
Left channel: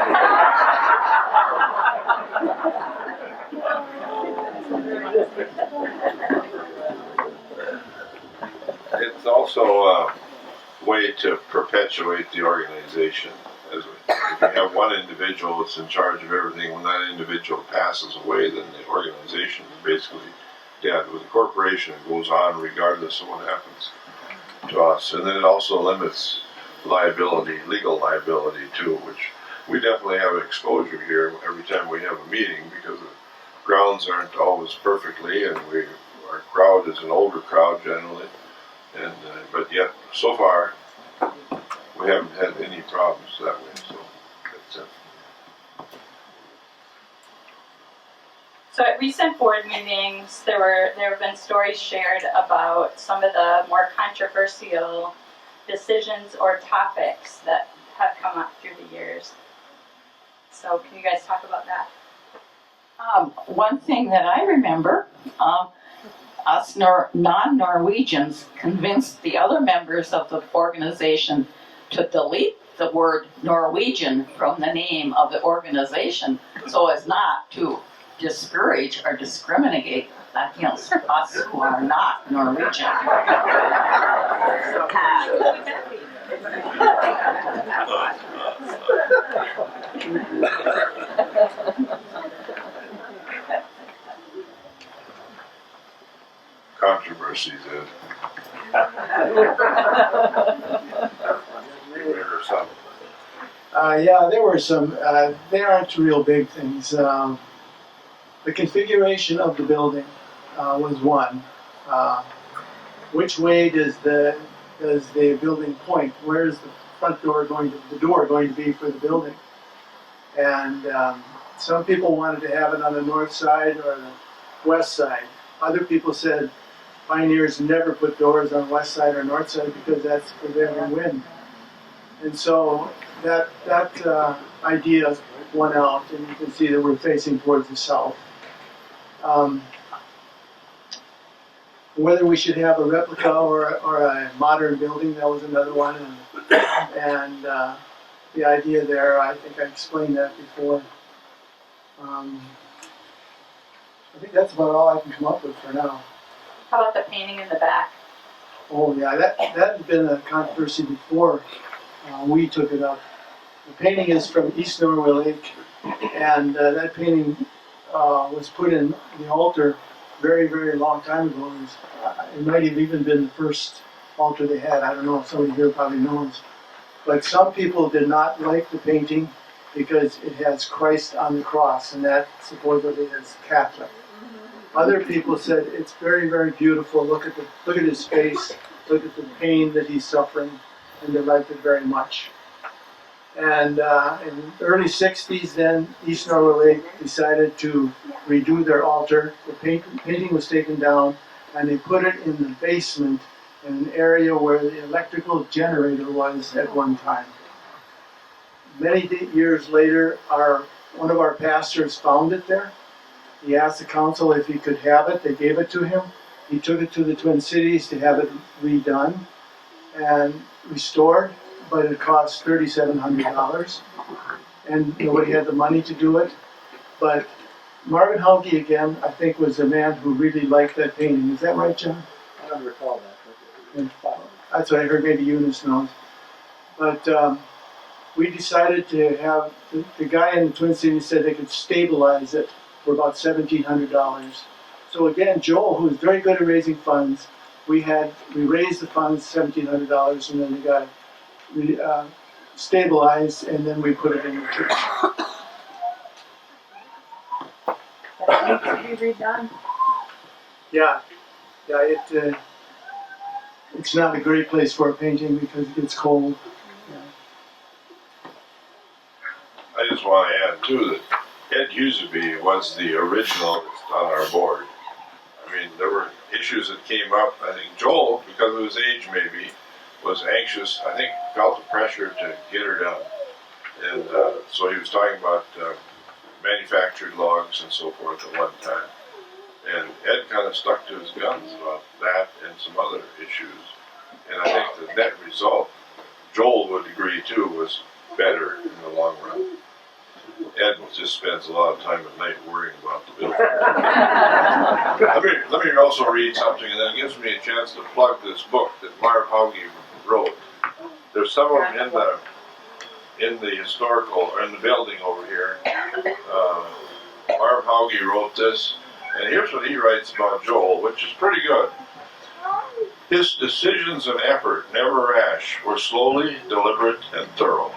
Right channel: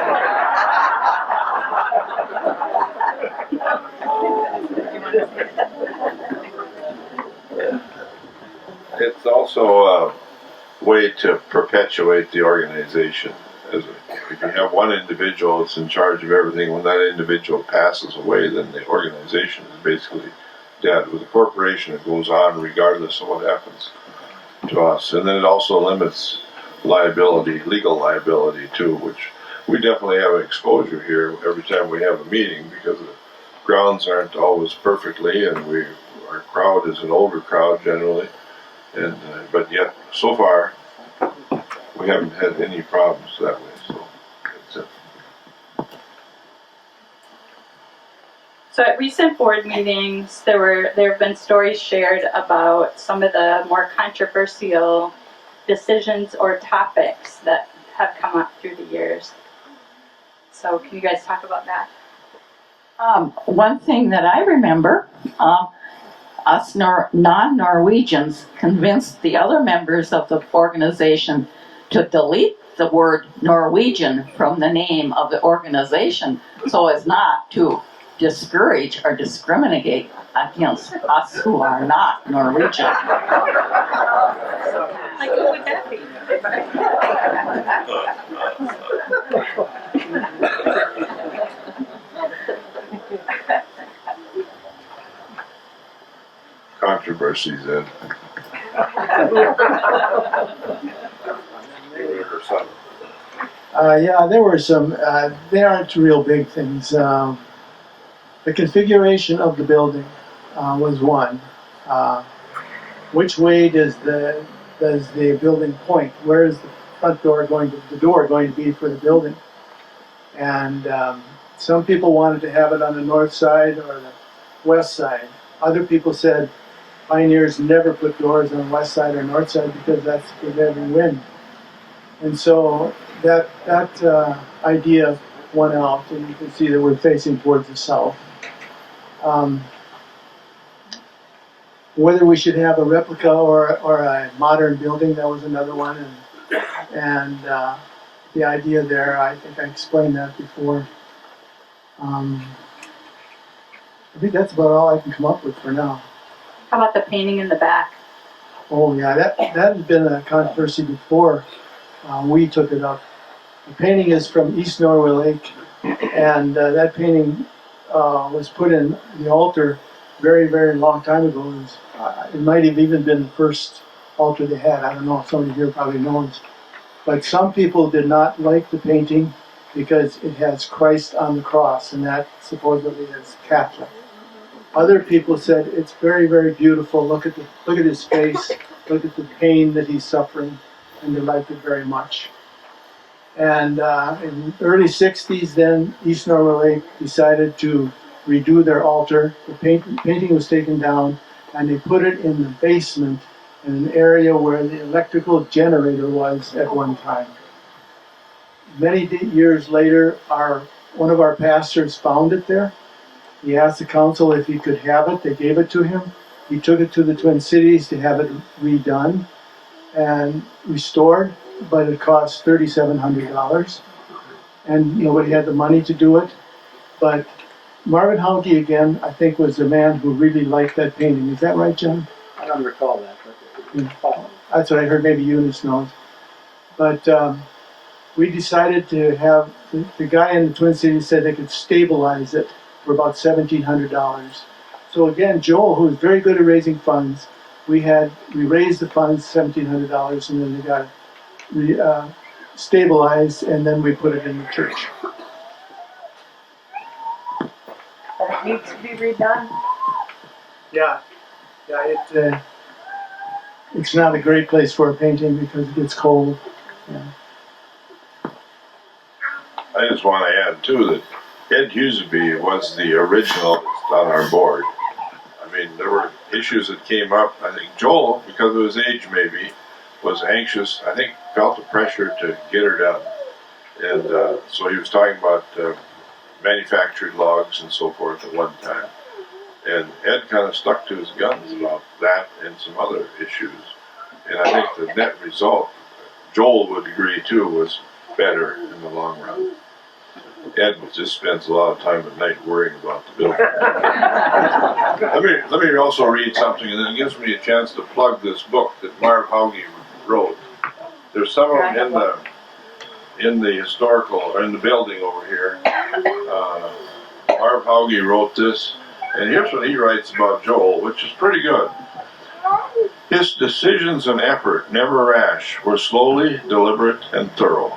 It's also a way to perpetuate the organization. if you have one individual that's in charge of everything, when that individual passes away, then the organization is basically dead. With a corporation, it goes on regardless of what happens to us. And then it also limits liability, legal liability too, which we definitely have an exposure here every time we have a meeting, because the grounds aren't always perfectly, and our crowd is an older crowd generally, and but yet so far we haven't had any problems that way. So that's it. So at recent board meetings, there have been stories shared about some of the more controversial decisions or topics that have come up through the years. So can you guys talk about that? One thing that I remember, us non-Norwegians convinced the other members of the organization to delete the word Norwegian from the name of the organization so as not to discourage or discriminate against us who are not Norwegian. Like, who would that be? Controversies in. Or something. Yeah, there were some, they aren't real big things. The configuration of the building was one. Which way does the building point? Where is the front door going to, the door going to be for the building? And some people wanted to have it on the north side or the west side. Other people said pioneers never put doors on the west side or north side because that's prevailing wind. And so that idea won out, and you can see that we're facing towards the south. Whether we should have a replica or a modern building, that was another one. And the idea there, I think I explained that before. I think that's about all I can come up with for now. How about the painting in the back? Oh yeah, that had been a controversy before we took it up. The painting is from East Norway Lake, and that painting was put in the altar very, very long time ago. It might have even been the first altar they had. I don't know, somebody here probably knows. But some people did not like the painting because it has Christ on the cross, and that supposedly is Catholic. Other people said it's very, very beautiful. Look at his face. Look at the pain that he's suffering, and they liked it very much. And in the early '60s, then East Norway Lake decided to redo their altar. The painting was taken down, and they put it in the basement in an area where the electrical generator was at one time. Many years later, one of our pastors found it there. He asked the council if he could have it. They gave it to him. He took it to the Twin Cities to have it redone and restored, but it cost $3,700, and nobody had the money to do it. But Marvin Hauge, again, I think was the man who really liked that painting. Is that right, John? I don't recall that. That's what I heard. Maybe Eunice knows. But we decided to have, the guy in the Twin Cities said they could stabilize it for about $1,700. So again, Joel, who's very good at raising funds, we raised the funds, $1,700, and then they got it stabilized, and then we put it in the church. But it needs to be redone. Yeah, it's not a great place for a painting because it gets cold. Yeah. I just want to add too that Ed Huseby was the original that's on our board. I mean, there were issues that came up. I think Joel, because of his age maybe, was anxious. I think felt the pressure to get her done. And so he was talking about manufactured logs and so forth at one time. And Ed kind of stuck to his guns about that and some other issues. And I think the net result, Joel would agree too, was better in the long run. Ed just spends a lot of time at night worrying about the building. let me also read something, and then it gives me a chance to plug this book that Marv Hauge wrote. There's some of them in the historical, or in the building over here. Marv Hauge wrote this, and here's what he writes about Joel, which is pretty good. His decisions and effort, never rash, were slowly, deliberate, and thorough.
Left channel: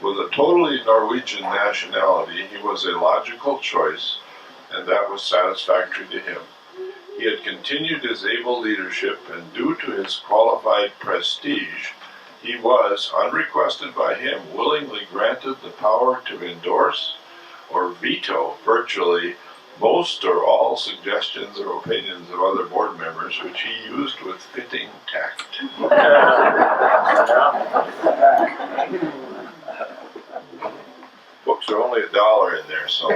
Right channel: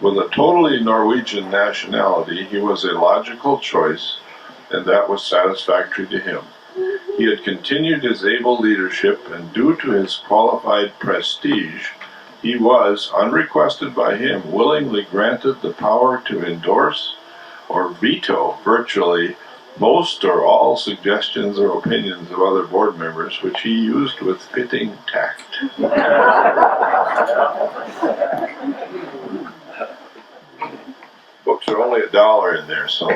With a totally Norwegian nationality, he was a logical choice, and that was satisfactory to him. He had continued his able leadership, and due to his qualified prestige, he was, unrequested by him, willingly granted the power to endorse or veto virtually most or all suggestions or opinions of other board members, which he used with fitting tact. Books are only $1 in there, so.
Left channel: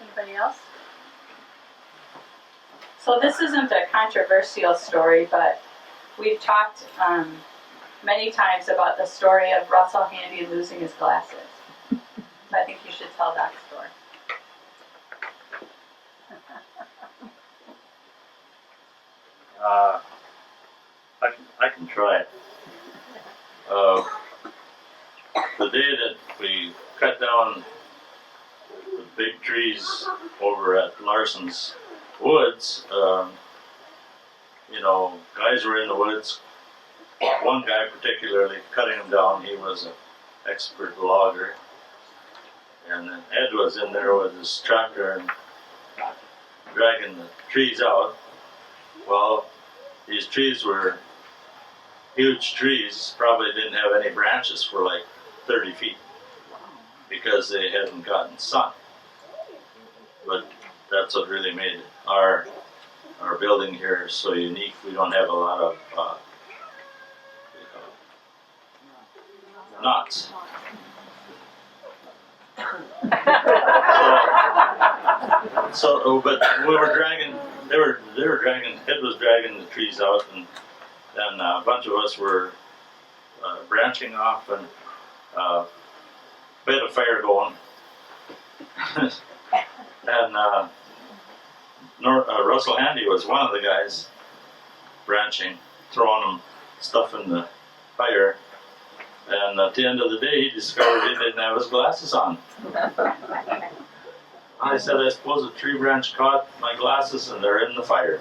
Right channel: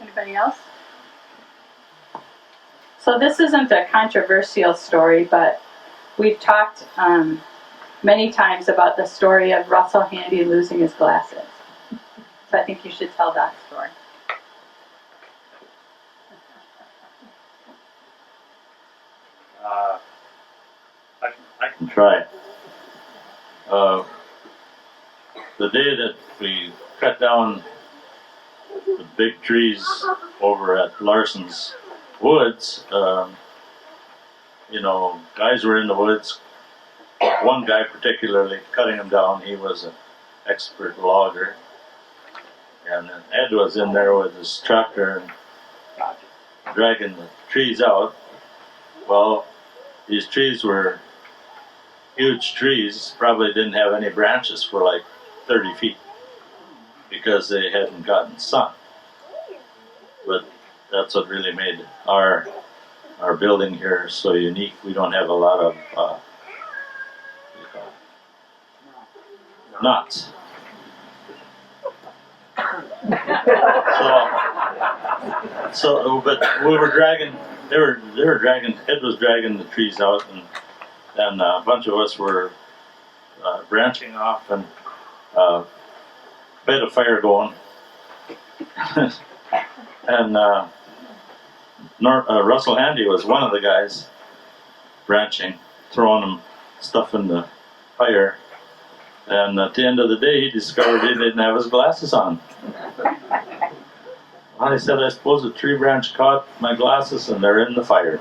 Anybody else? So this isn't a controversial story, but we've talked many times about the story of Russell Handy losing his glasses. So I think you should tell that story. I can try. The day that we cut down the big trees over at Larson's Woods, guys were in the woods. One guy particularly cutting them down. He was an expert logger. And then Ed was in there with his tractor and dragging the trees out. Well, these trees were huge trees, probably didn't have any branches for like 30 feet because they hadn't gotten sun. But that's what really made our building here so unique. We don't have a lot of nuts. But we were dragging. They were dragging. Ed was dragging the trees out, and a bunch of us were branching off and we had a fire going. And Russell Handy was one of the guys branching, throwing them stuff in the fire. And at the end of the day, he discovered he didn't have his glasses on. I said, I suppose a tree branch caught my glasses and they're in the fire.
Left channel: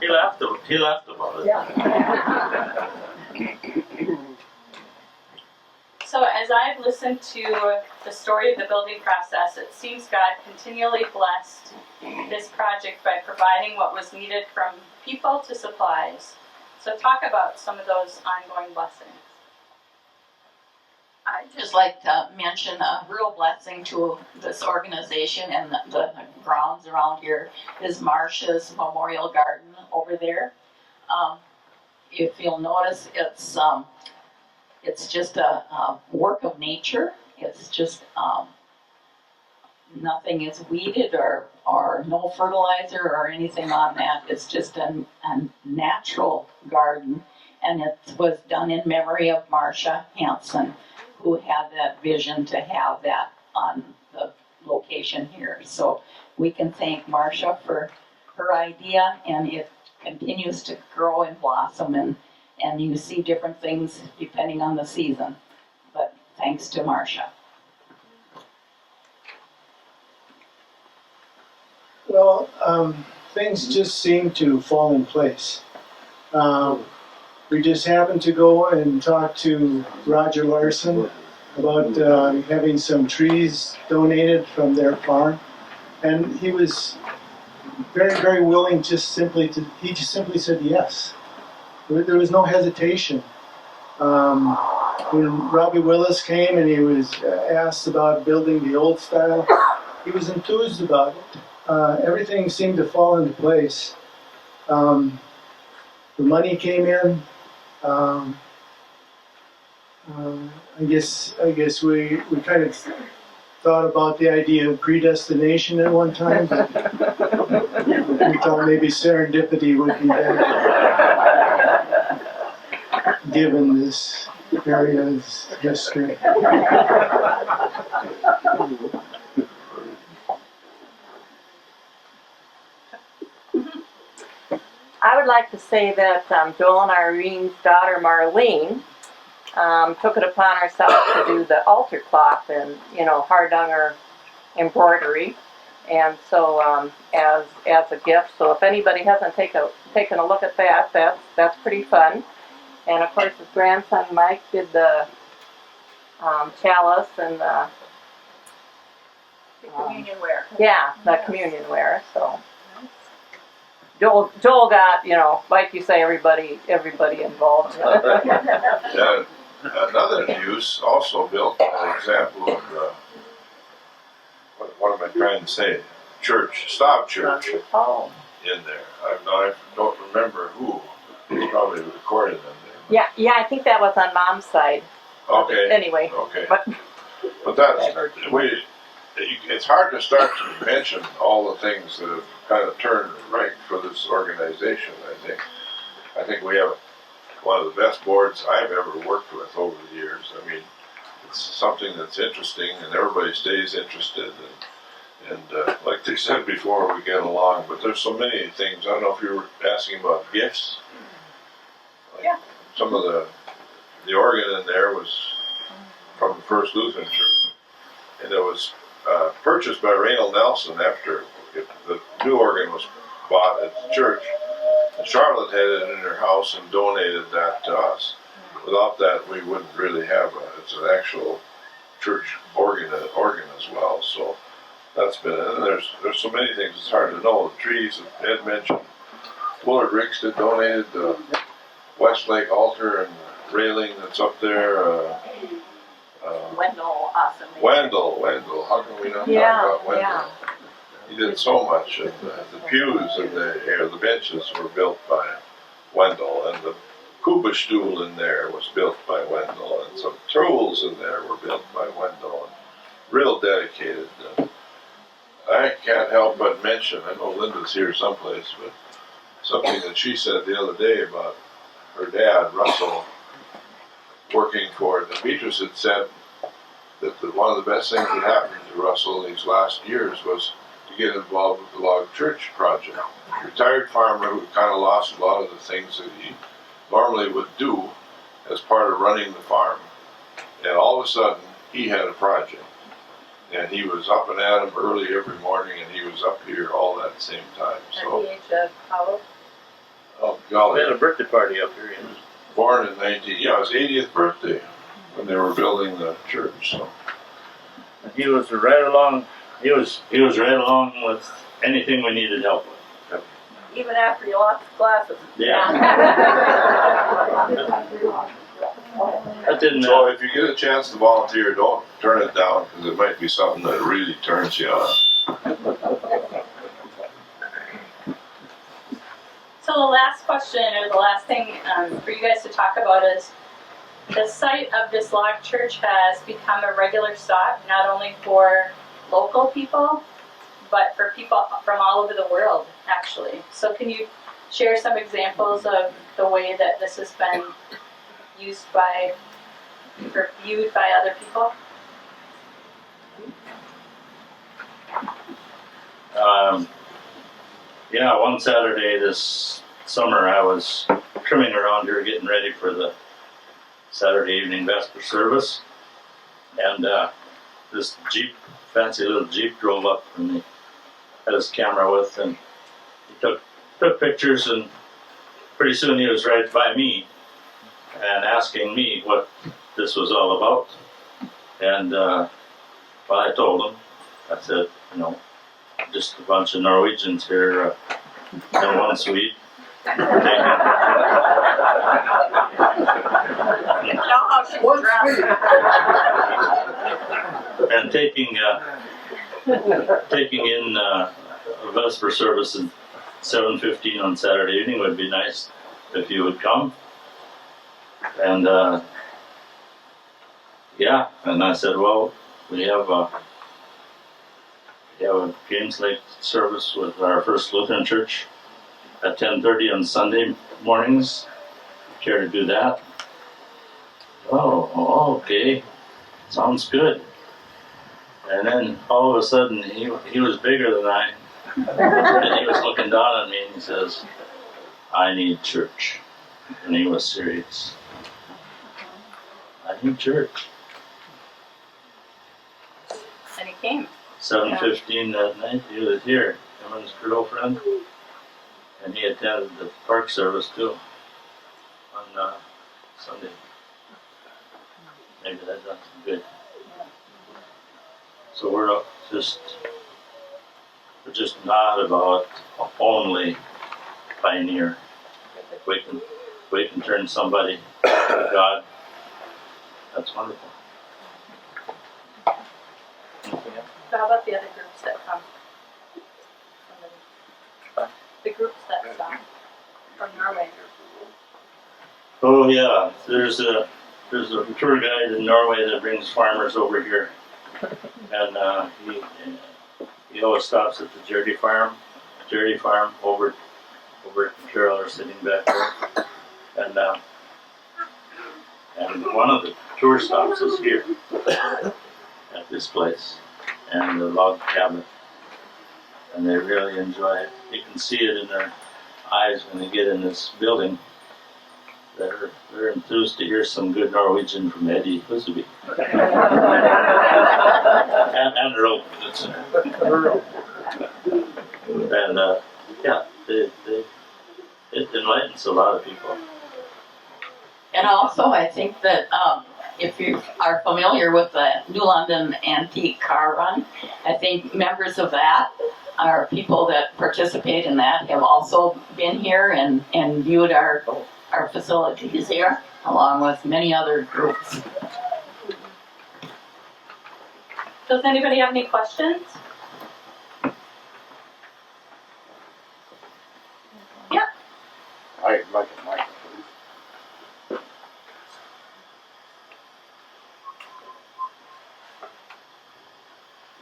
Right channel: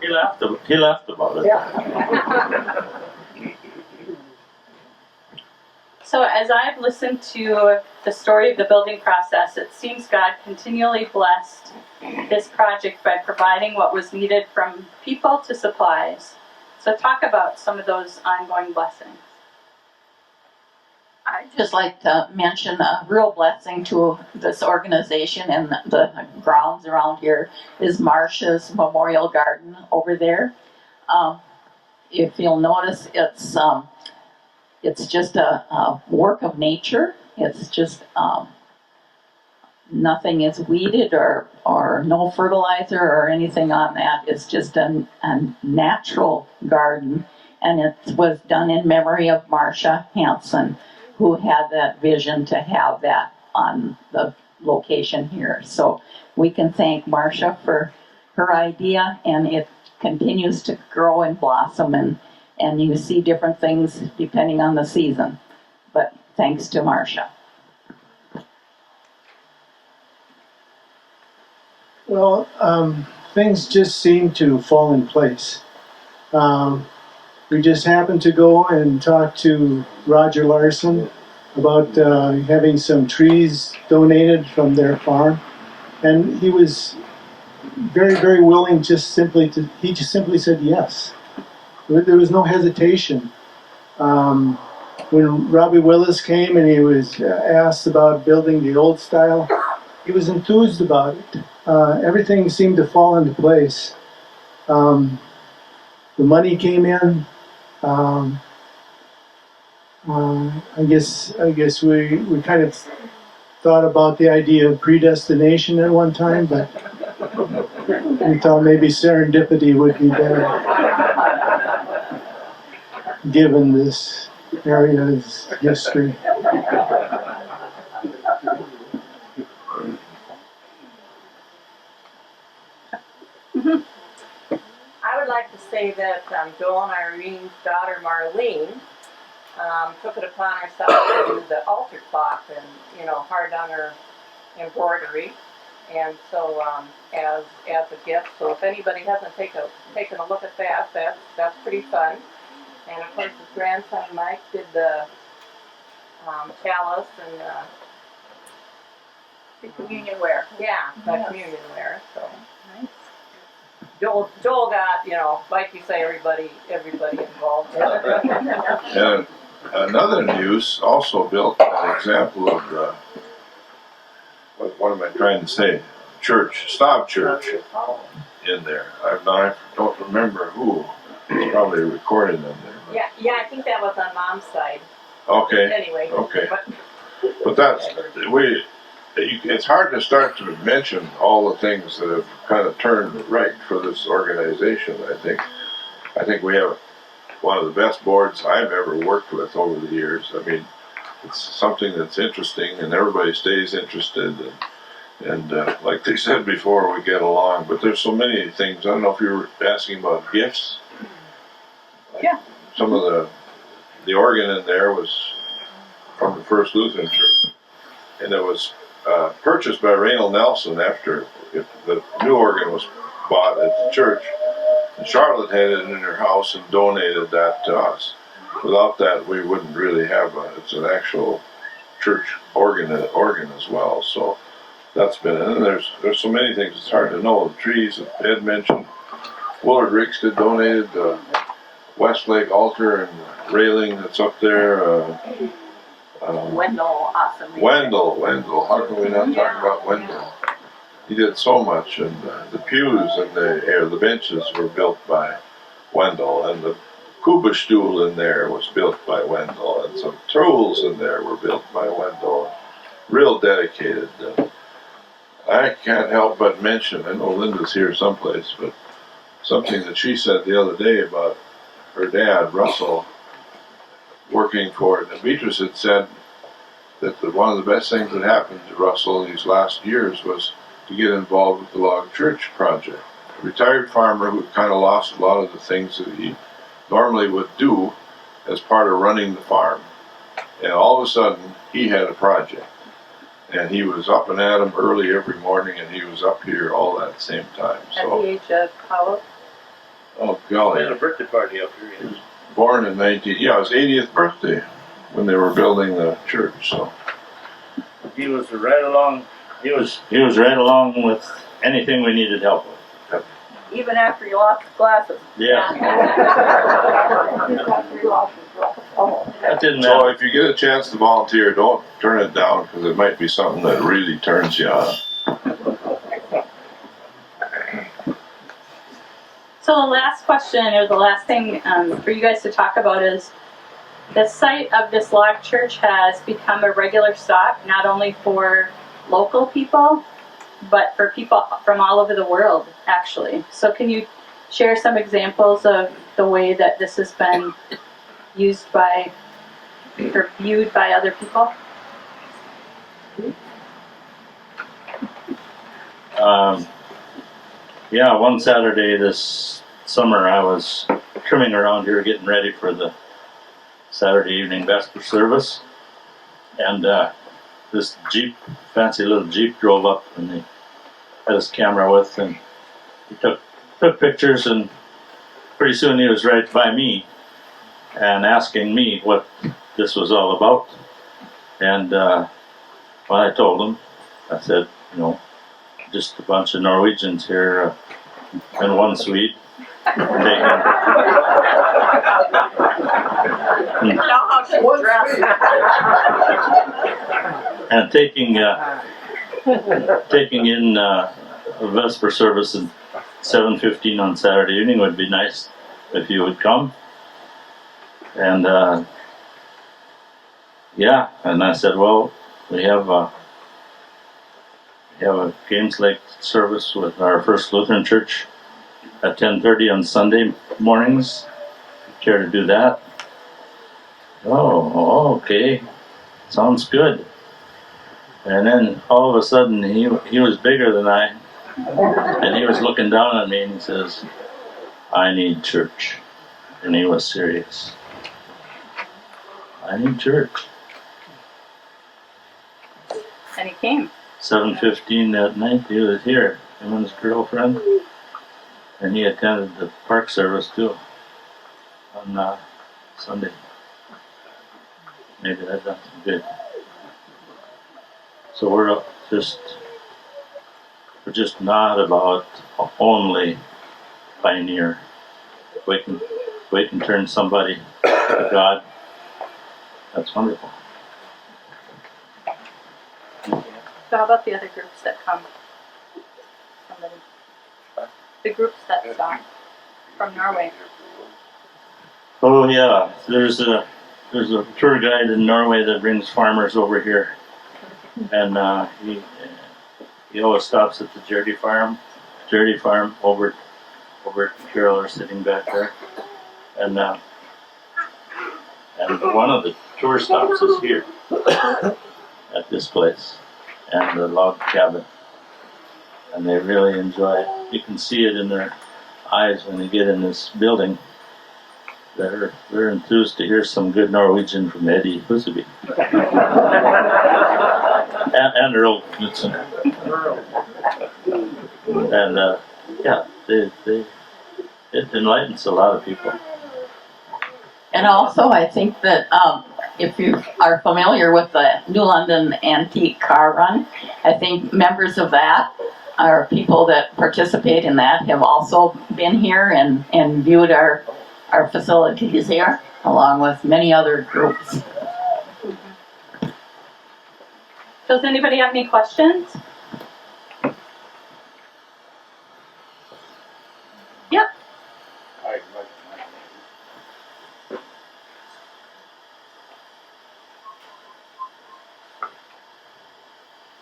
He laughed about it. So as I've listened to the story of the building process, it seems God continually blessed this project by providing what was needed from people to supplies. So talk about some of those ongoing blessings. I'd just like to mention a real blessing to this organization and the grounds around here is Marcia's Memorial Garden over there. If you'll notice, it's just a work of nature. It's just nothing is weeded or no fertilizer or anything on that. It's just a natural garden, and it was done in memory of Marcia Hansen, who had that vision to have that on the location here. So we can thank Marcia for her idea, and it continues to grow and blossom, and you see different things depending on the season. But thanks to Marcia. Well, things just seem to fall in place. We just happened to go and talk to Roger Larson about having some trees donated from their farm, and he was very, very willing. He just simply said yes. There was no hesitation. When Robbie Willis came and he was asked about building the old style, he was enthused about it. Everything seemed to fall into place. The money came in. I guess we kind of thought about the idea of predestination at one time, but we thought maybe serendipity would be better, given this area's history. I would like to say that Joel and Irene's daughter Marlene took it upon herself to do the altar cloth and, hardanger embroidery. And so as a gift, so if anybody hasn't taken a look at that, that's pretty fun. And of course his grandson Mike did the chalice and the communion ware. Yeah, the Yes. communion ware. So Joel got, like you say, everybody involved. And another news also built an example of what am I trying to say? Stav Church Oh. in there. I don't remember who. It's probably recorded in there. Yeah, I think that was on Mom's side. Okay. Anyway, Okay. but But it's hard to start to mention all the things that have kind of turned right for this organization, I think. I think we have one of the best boards I've ever worked with over the years. I mean, it's something that's interesting and everybody stays interested. And like they said before, we get along. But there's so many things. I don't know if you were asking about gifts. Yeah. Some of the organ in there was from the First Lutheran Church. And it was purchased by Raynald Nelson after the new organ was bought at the church. And Charlotte had it in her house and donated that to us. Without that, we wouldn't really have it's an actual church organ as well. So that's been it. And there's so many things it's hard to know. The trees that Ed mentioned, Willard Rixted donated the Westlake altar and railing that's up there. Wendell, awesome. Wendell, how can we not talk about Wendell? Yeah. He did so much, and the pews and the benches were built by Wendell, and the Kuba stool in there was built by Wendell, and some tools in there were built by Wendell. Real dedicated. I can't help but mention, I know Linda's here someplace, but something that she said the other day about her dad, Russell, working for it. And Beatrice had said that one of the best things that happened to Russell these last years was to get involved with the Log Church project. Retired farmer who kind of lost a lot of the things that he normally would do as part of running the farm. And all of a sudden, he had a project. And he was up and at 'em early every morning, and he was up here all at the same time. At So, the age of how? oh We had golly, a birthday party up here. he was born in his 80th birthday when they were building the church. So. He was right along. He was right along with anything we needed help with. Even after you lost the glasses. Yeah. That didn't So matter. if you get a chance to volunteer, don't turn it down because it might be something that really turns you on. So the last question, or the last thing for you guys to talk about is, the site of this log church has become a regular stop, not only for local people, but for people from all over the world, actually. So can you share some examples of the way that this has been used by, or viewed by other people? Yeah, one Saturday this summer I was trimming around here getting ready for the Saturday evening Vesper service, and this Jeep, fancy little Jeep, drove up, and he had his camera with, and he took pictures, and pretty soon he was right by me and asking me what this was all about. And well, I told him, I said, just a bunch of Norwegians here in one suite. One speed. And taking in a Vesper service at 7:15 on Saturday evening would be nice if you would come. And and I said, well, we have a Games Lake service with our First Lutheran Church at 10:30 on Sunday mornings. Care to do that? Oh, okay. Sounds good. And then all of a sudden he was bigger than I, and he was looking down at me and he says, I need church. And he was serious. I need church. And he came. 7:15 that night, he was here, him and his girlfriend. And he attended the park service too on Sunday. Maybe that done some good. So we're just not about only pioneer. We can turn somebody to God. That's wonderful. So how about the other groups that come? Somebody. The groups that come from Norway. Oh yeah, there's a tour guide in Norway that brings farmers over here, and he always stops at the Jerry Farm over Carol are sitting back there, and one of the tour stops is here at this place, and the log cabin, and they really enjoy it. You can see it in their eyes when they get in this building. They're enthused to hear some good Norwegian from Eddie Huseby. and Earl Knudsen. And yeah, it enlightens a lot of people. And also, I think that if you are familiar with the New London Antique Car Run, I think members of that are people that participate in that have also been here and viewed our facilities here, along with many other groups. Does anybody have any questions? Yep. I'd like a mic, please.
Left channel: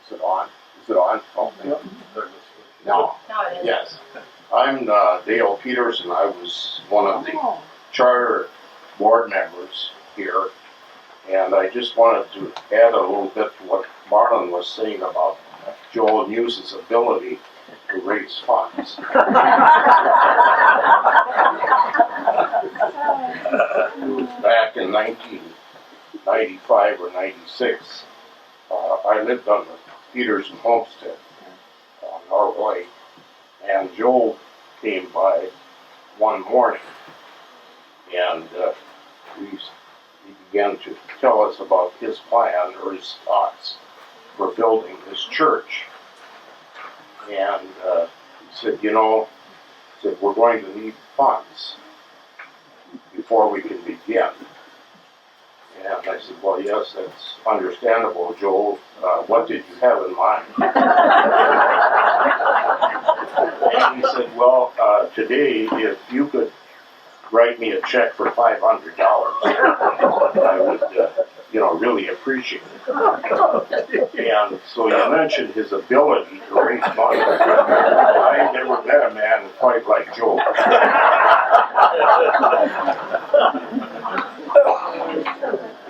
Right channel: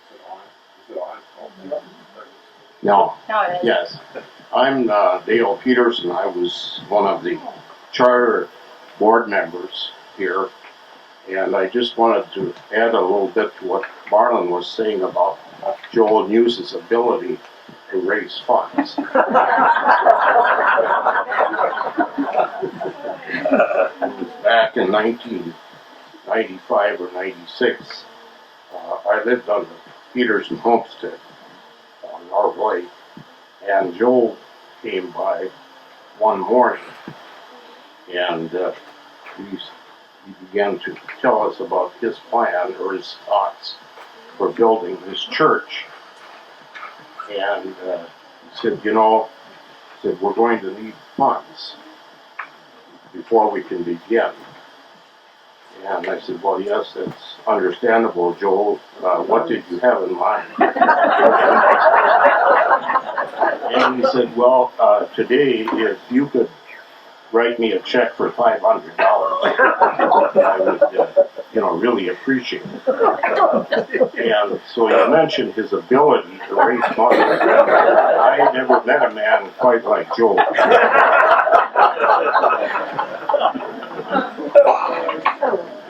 Is it on? Is it on? Oh, yep. No. No, it is. Yes. I'm Dale Peterson. I was one of the charter board members here, and I just wanted to add a little bit to what Marlon was saying about Joel News's ability to raise funds. It was back in 1995 or 96. I lived on the Peterson homestead on Norway, and Joel came by one morning, and he began to tell us about his plan or his thoughts for building this church. And he said, we're going to need funds before we can begin. And I said, well, yes, that's understandable, Joel. What did you have in mind? And he said, well, today, if you could write me a check for $500, I would, really appreciate it. And so you mentioned his ability to raise money. I never met a man quite like Joel.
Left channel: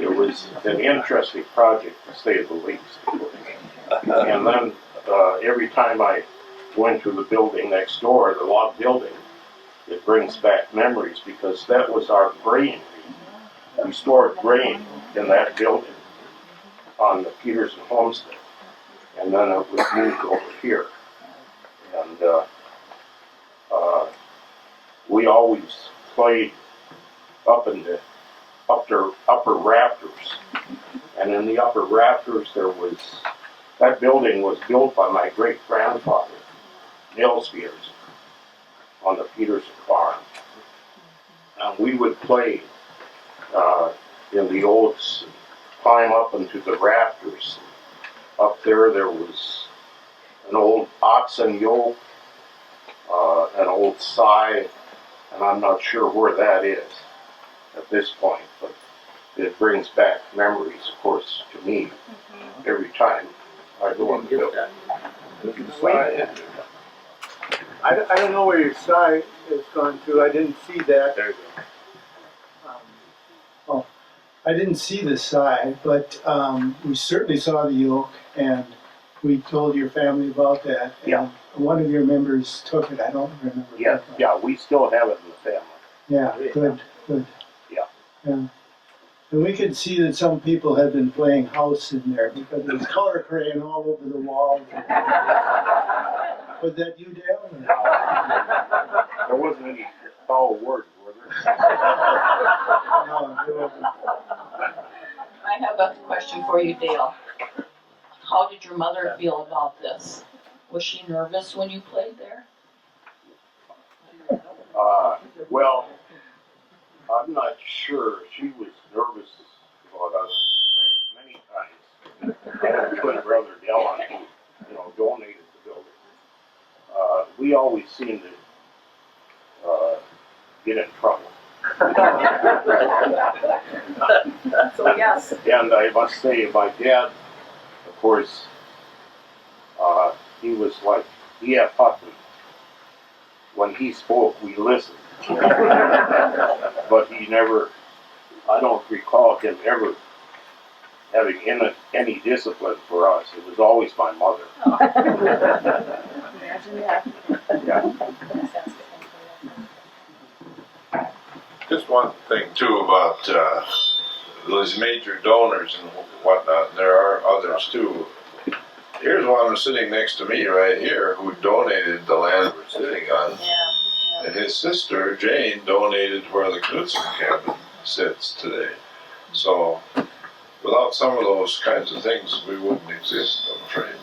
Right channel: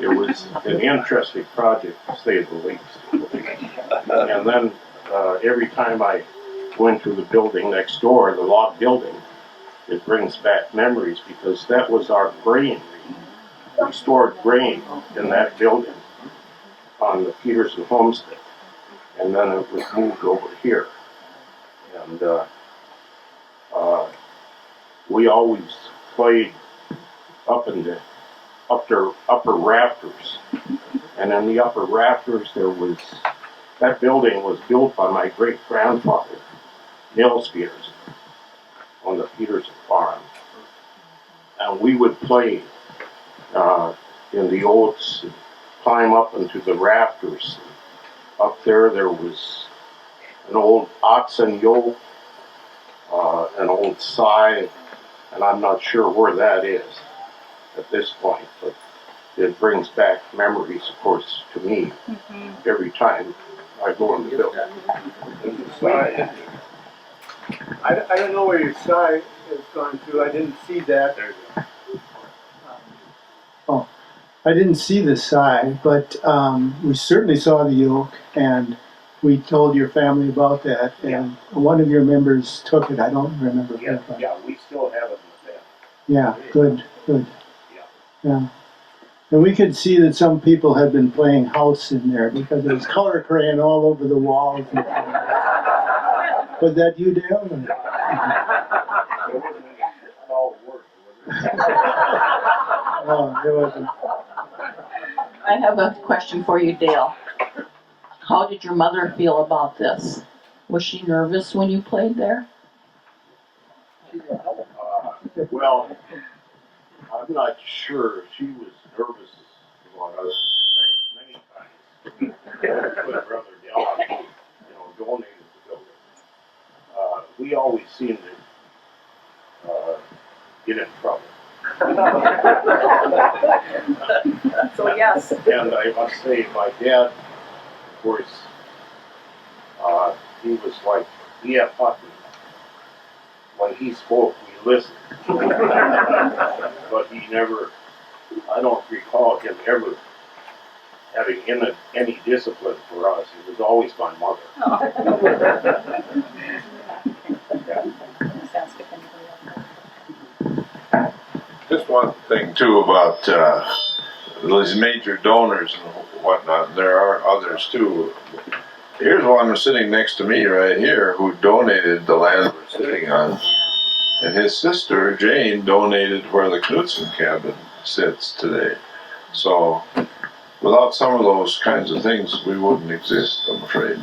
It was an interesting project, to say the least. And then every time I go into the building next door, the log building, it brings back memories, because that was our grain. We stored grain in that building on the Peterson homestead, and then it was moved over here. And we always played up in the upper rafters, and in the upper rafters that building was built by my great grandfather, Nils Peterson, on the Peterson farm. And we would play in the oats, and climb up into the rafters. Up there was an old oxen yoke, an old scythe, and I'm not sure where that is at this point, but it brings back memories, of course, to me every time I go in the building. I don't know where your side has gone to. I didn't see that. There you go. I didn't see the side, but we certainly saw the yoke, and we told your family about that, Yeah. and one of your members took it. I don't remember. Yeah, who. yeah, we still have it in the family. Yeah, good, good. Yeah. Yeah. And we could see that some people had been playing house in there because there was color crayon all over the walls. Was that you, Dale? Or? There wasn't any foul words, was there? No, there wasn't. I have a question for you, Dale. How did your mother feel about this? Was she nervous when you played there? Well, I'm not sure. She was nervous about us many times. My twin brother Dylan, donated the building. We always seemed to get in trouble. So yes. And I must say, my dad, of course, he was like E.F. Hutton. When he spoke, we listened. But he never, I don't recall him ever having any discipline for us. It was always my mother. Yeah. Just one thing too about those major donors and whatnot. There are others too. Here's one sitting next to me right here who donated the land we're sitting on. And his sister, Jane, donated where the Knudsen cabin sits today. So, without some of those kinds of things, we wouldn't exist, I'm afraid.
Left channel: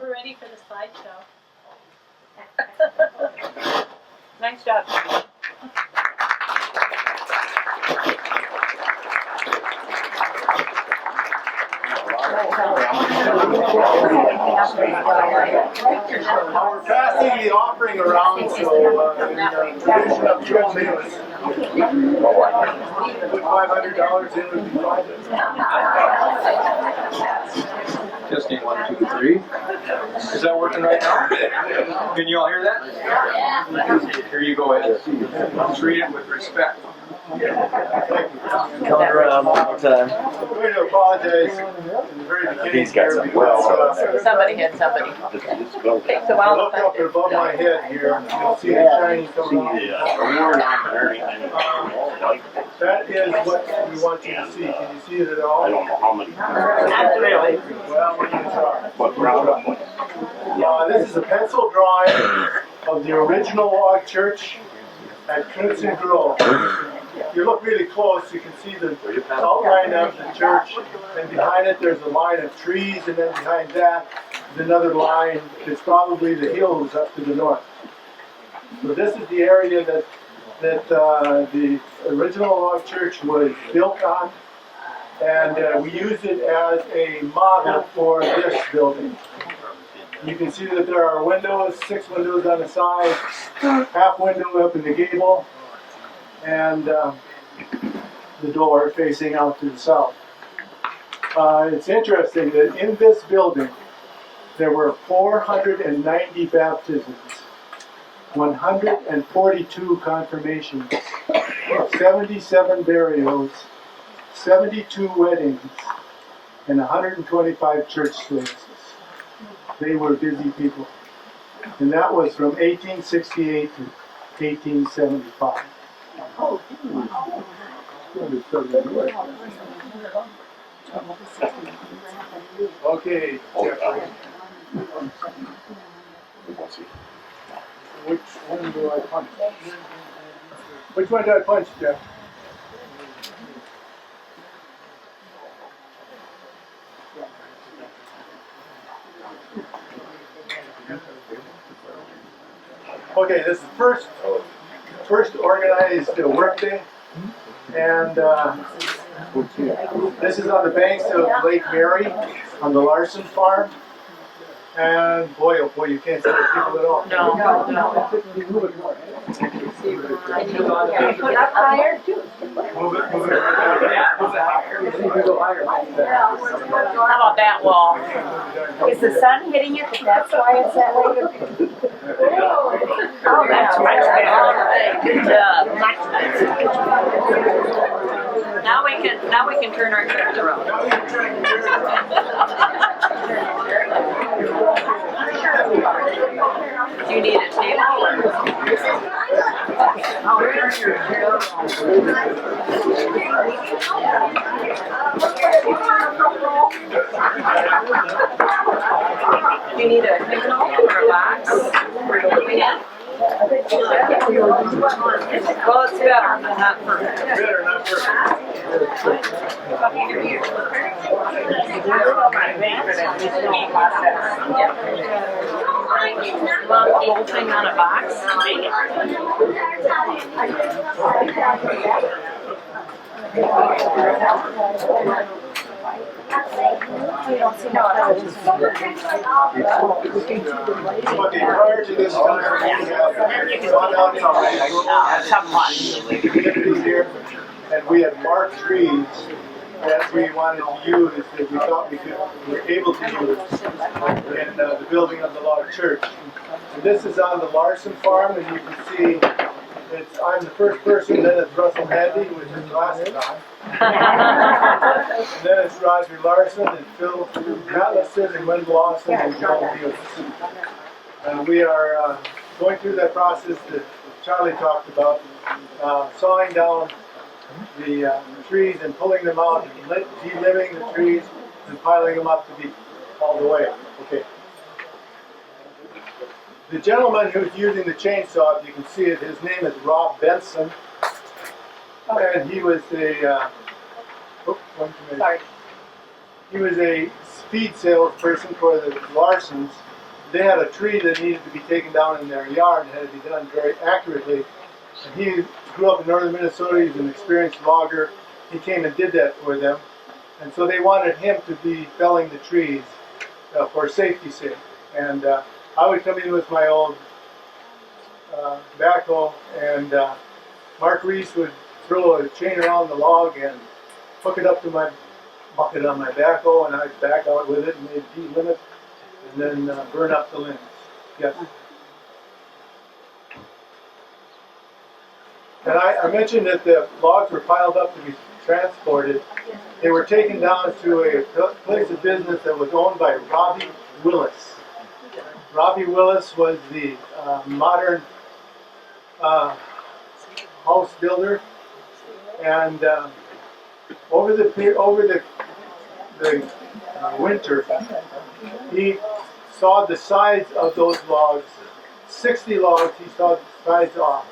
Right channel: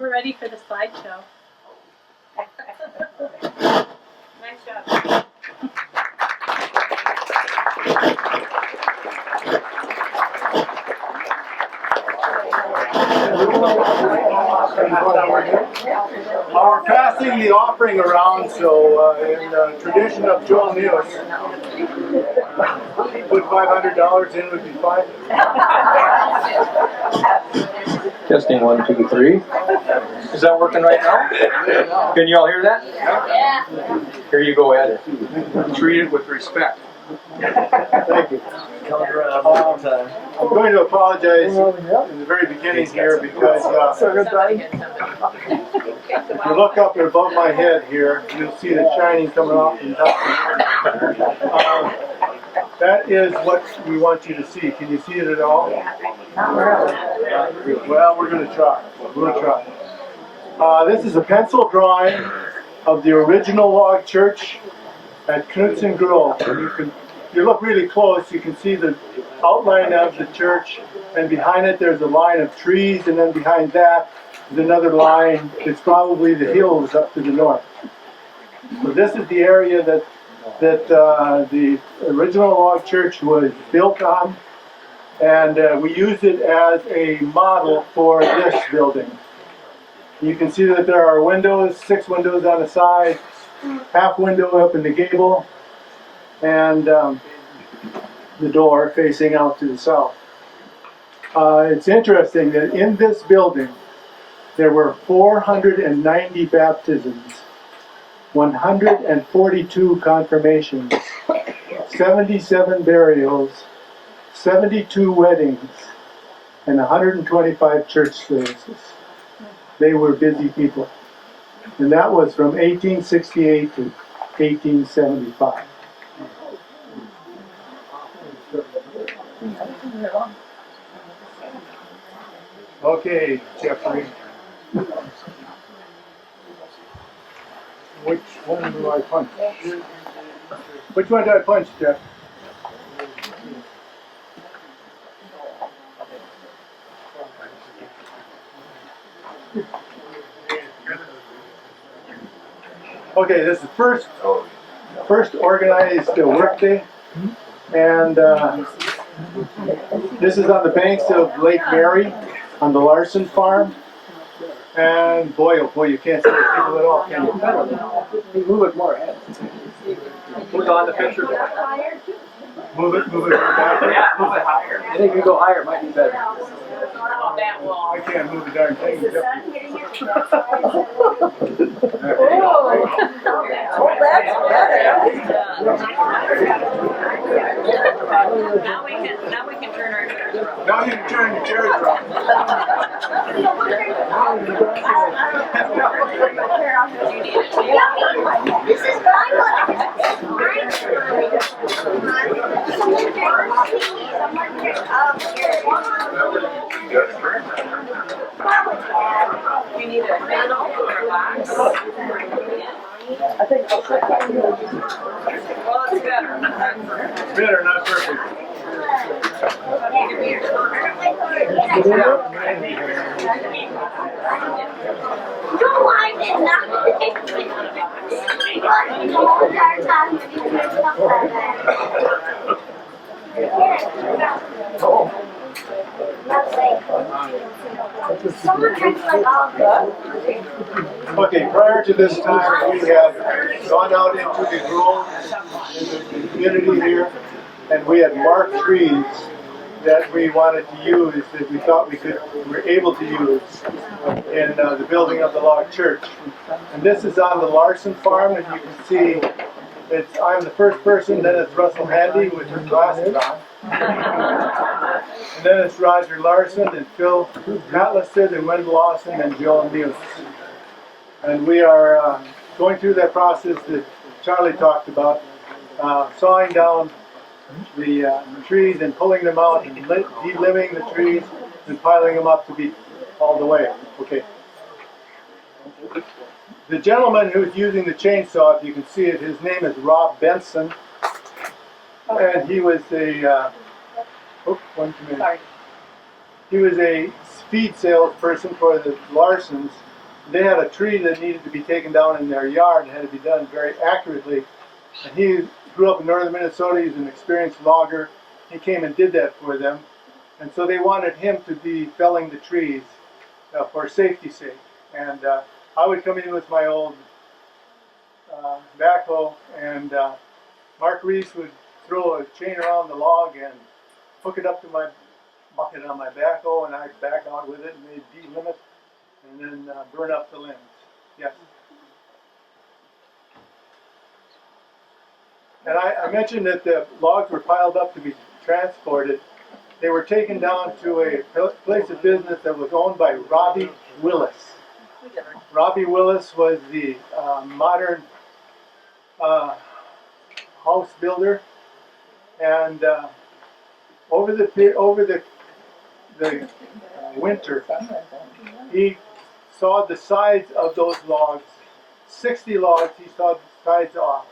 We're ready for the slideshow. Nice job. We're passing the offering around, so in tradition of Joel News, put $500 in would be fine. Testing 1, 2, 3. Is that working right now? Can you all hear that? Yeah. Here you go, Ed. Treat it with respect. Thank you. Coming around one more time. I'm going to apologize in the very beginning here because Somebody hit somebody. Takes a you while. look up above my head here, you'll see the shining coming off the top. That is what we want you to see. Can you see it at all? I don't know how many. Well, we're going to try. We're going to try. This is a pencil drawing of the original log church at Knudsen Grove. If you look really close, you can see the outline of the church, and behind it there's a line of trees, and then behind that is another line. It's probably the hills up to the north. So this is the area that the original log church was built on, and we used it as a model for this building. You can see that there are windows, 6 windows on the side, half window up in the gable, and the door facing out to the south. It's interesting that in this building there were 490 baptisms, 142 confirmations, 77 burials, 72 weddings, and 125 church services. They were busy people. And that was from 1868 to 1875. Okay, Jeffrey. Which one do I punch? Which one do I punch, Jeff? Okay, this is the first organized work day, and this is on the banks of Lake Mary on the Larson farm. And boy, oh boy, you can't see the people at all. No. You move it more. Up higher too. Move it back. I think you go higher, might be better. How about that wall? I can't move the darn thing. Is the sun hitting it? That's why it's that way. Oh, that's right. Good job. Now we can turn our chairs around. Now you can turn the chairs around. Do you need a table? Do you need a panel or a box? Well, it's better, but not perfect. Better, not perfect. Want the whole thing on a box? Okay, prior to this time, we have gone out into the grove, the community here, and we had marked trees that we wanted to use, that we thought were able to use in the building of the log church. And this is on the Larson farm, and you can see I'm the first person, then it's Russell Handy with his glasses on. And then it's Roger Larson and Phil Matliston and Wendell Lawson and Joel News. And we are going through that process that Charlie talked about, sawing down the trees and pulling them out and de-limbing the trees and piling them up to be all the way. Okay. The gentleman who's using the chainsaw, if you can see it, his name is Rob Benson. And he was he was a feed salesperson for the Larsons. They had a tree that needed to be taken down in their yard and had to be done very accurately. And he grew up in northern Minnesota. He's an experienced logger. He came and did that for them. And so they wanted him to be felling the trees for safety's sake. And I would come in with my old backhoe, and Mark Reese would throw a chain around the log and hook it up to my bucket on my backhoe, and I'd back out with it, and they'd de-limb it, and then burn up the limbs. Yes. And I mentioned that the logs were piled up to be transported. They were taken down to a place of business that was owned by Robbie Willis. Robbie Willis was the modern house builder, and over the winter, he sawed the sides of those logs, 60 logs. He sawed the sides off,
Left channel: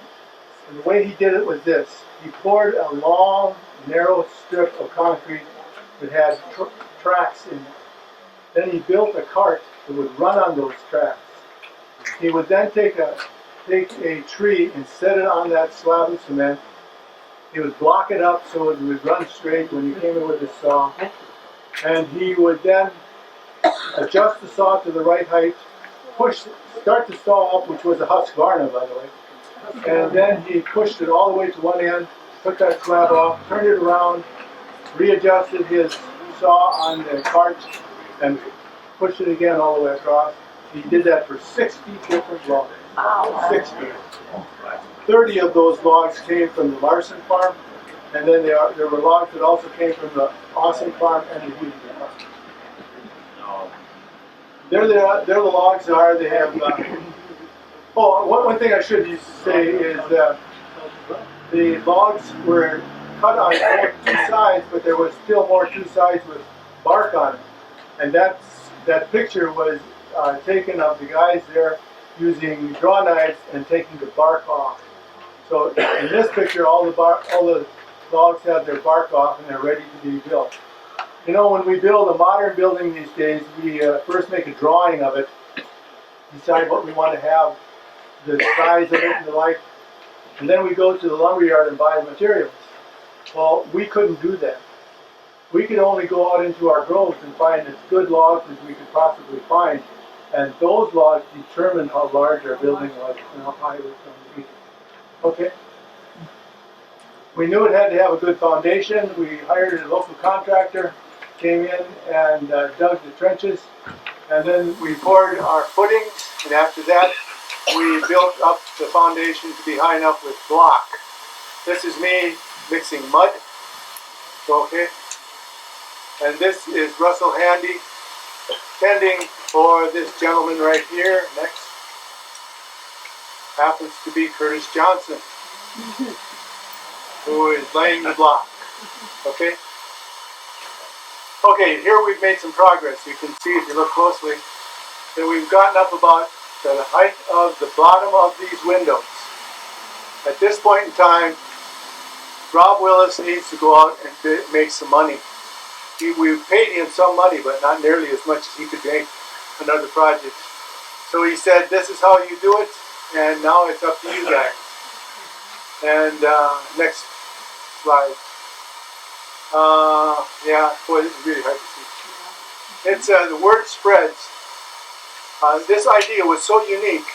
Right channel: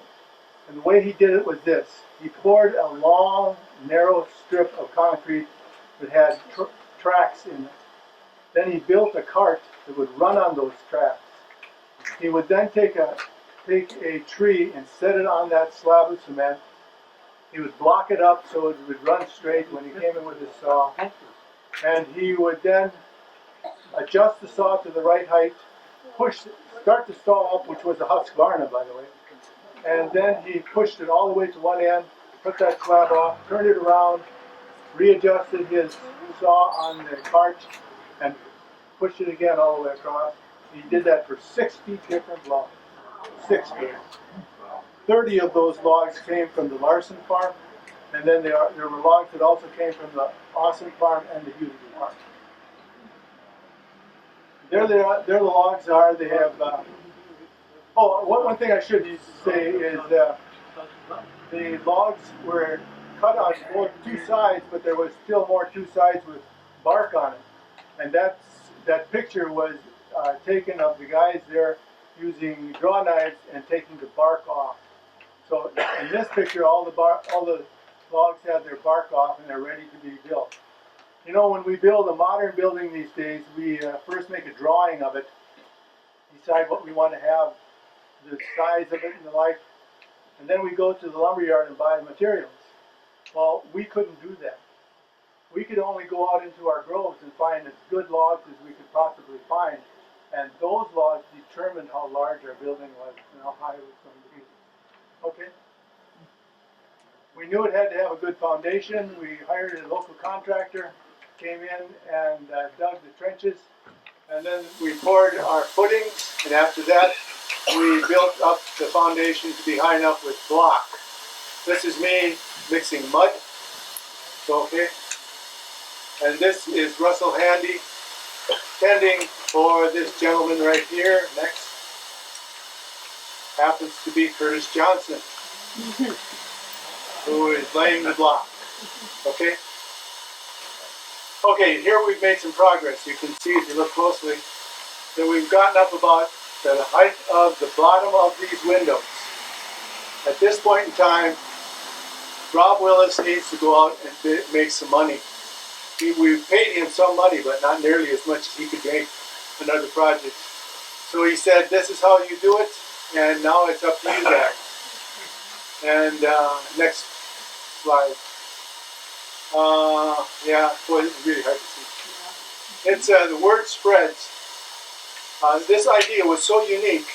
and the way he did it was this: he poured a long, narrow strip of concrete that had tracks in it. Then he built a cart that would run on those tracks. He would then take a tree and set it on that slab of cement. He would block it up so it would run straight when he came in with his saw. And he would then adjust the saw to the right height, start the saw up, which was a Husqvarna, by the way. And then he pushed it all the way to one end, took that slab off, turned it around, readjusted his saw on the cart, and pushed it again all the way across. He did that for 60 different logs. 60. 30 of those logs came from the Larson farm, and then there were logs that also came from the Awesome farm and the Houston farm. There the logs are. They have. One thing I should say is the logs were cut on two sides, but there was still more two sides with bark on it, and that picture was taken of the guys there using draw knives and taking the bark off. So in this picture, all the logs have their bark off and they're ready to be built. You know, when we build a modern building these days, we first make a drawing of it, decide what we want to have, the size of it and the like, and then we go to the lumberyard and buy the materials. Well, we couldn't do that. We could only go out into our groves and find as good logs as we could possibly find, and those logs determined how large our building was and how high it was going to be. Okay? We knew it had to have a good foundation. We hired a local contractor, came in and dug the trenches, and then we poured our footings, and after that we built up the foundation to be high enough with block. This is me mixing mud, okay? And this is Russell Handy tending for this gentleman right here. Next happens to be Curtis Johnson, who is laying the block, okay? Okay, here we've made some progress. You can see if you look closely that we've gotten up about the height of the bottom of these windows. At this point in time, Rob Willis needs to go out and make some money. We've paid him some money, but not nearly as much as he could make another project. So he said, this is how you do it, and now it's up to you guys. And next slide. Yeah, boy, this is really hard to see. It's the word spreads. This idea was so unique.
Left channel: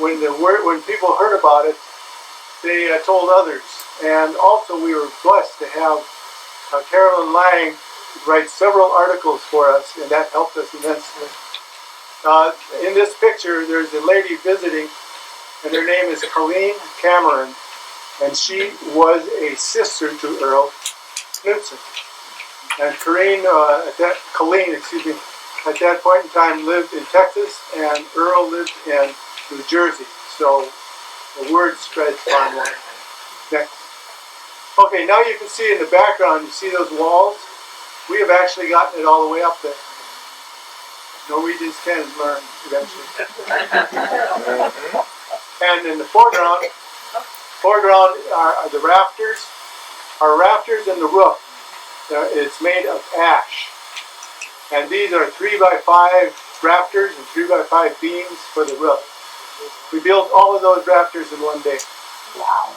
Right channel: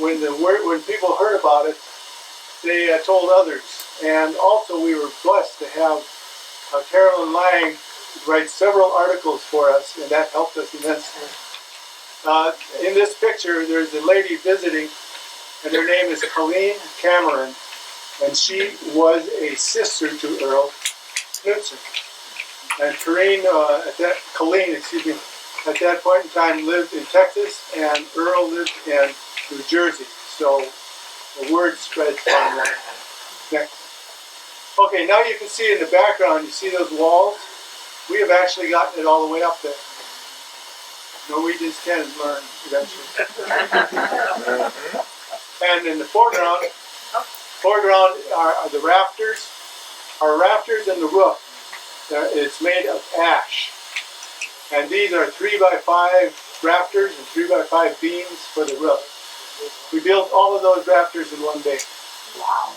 When people heard about it, they told others. And also, we were blessed to have Carolyn Lang write several articles for us, and that helped us immensely. In this picture, there's a lady visiting, and her name is Colleen Cameron, and she was a sister to Earl Knudsen. And Colleen, at that point in time lived in Texas, and Earl lived in New Jersey. So the word spreads far more. Next. Okay, now you can see in the background, you see those walls? We have actually gotten it all the way up there. Norwegians can learn eventually. And in the foreground are the rafters. Our rafters and the roof, it's made of ash. And these are 3x5 rafters and 3x5 beams for the roof. We built all of those rafters in one day. Wow.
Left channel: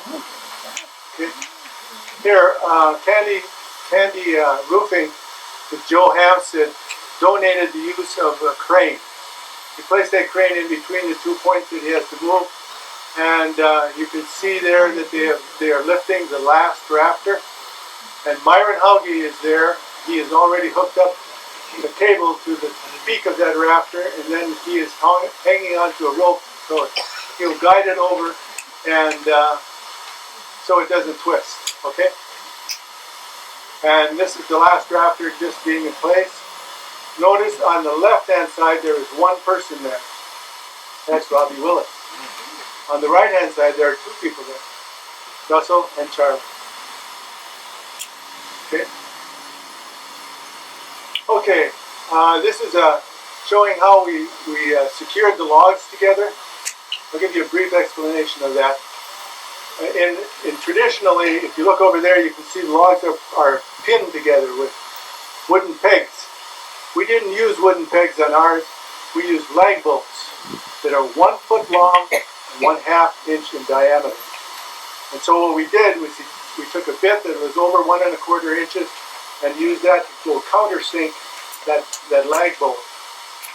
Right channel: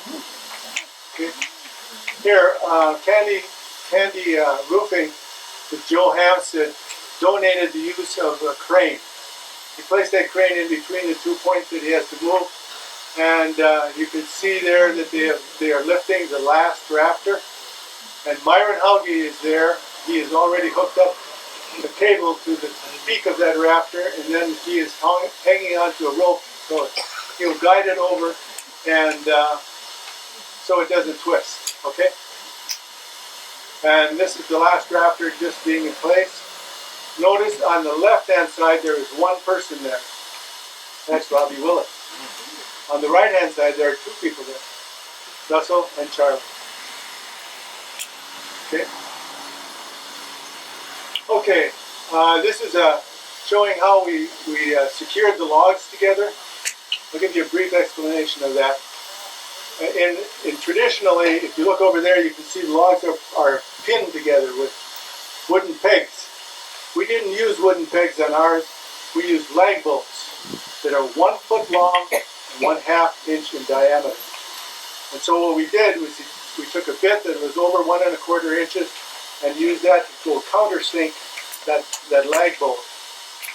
Okay. Here, Candy Roofing with Joe Hampstead donated the use of a crane. He placed that crane in between the 2 points that he has to move, and you can see there that they are lifting the last rafter. And Myron Hauge is there. He has already hooked up the cable to the peak of that rafter, and then he is hanging onto a rope, so he'll guide it over, and so it doesn't twist. Okay. And this is the last rafter just being in place. Notice on the left-hand side there is one person there. That's Robbie Willis. On the right-hand side there are two people there, Russell and Charlie. Okay. Okay. This is showing how we secured the logs together. I'll give you a brief explanation of that. Traditionally, if you look over there, you can see the logs are pinned together with wooden pegs. We didn't use wooden pegs on ours. We used lag bolts that are 1 foot long and 1/2 inch in diameter. And so what we did was we took a bit that was over 1 1/4 inches and used that to go countersink that lag bolt.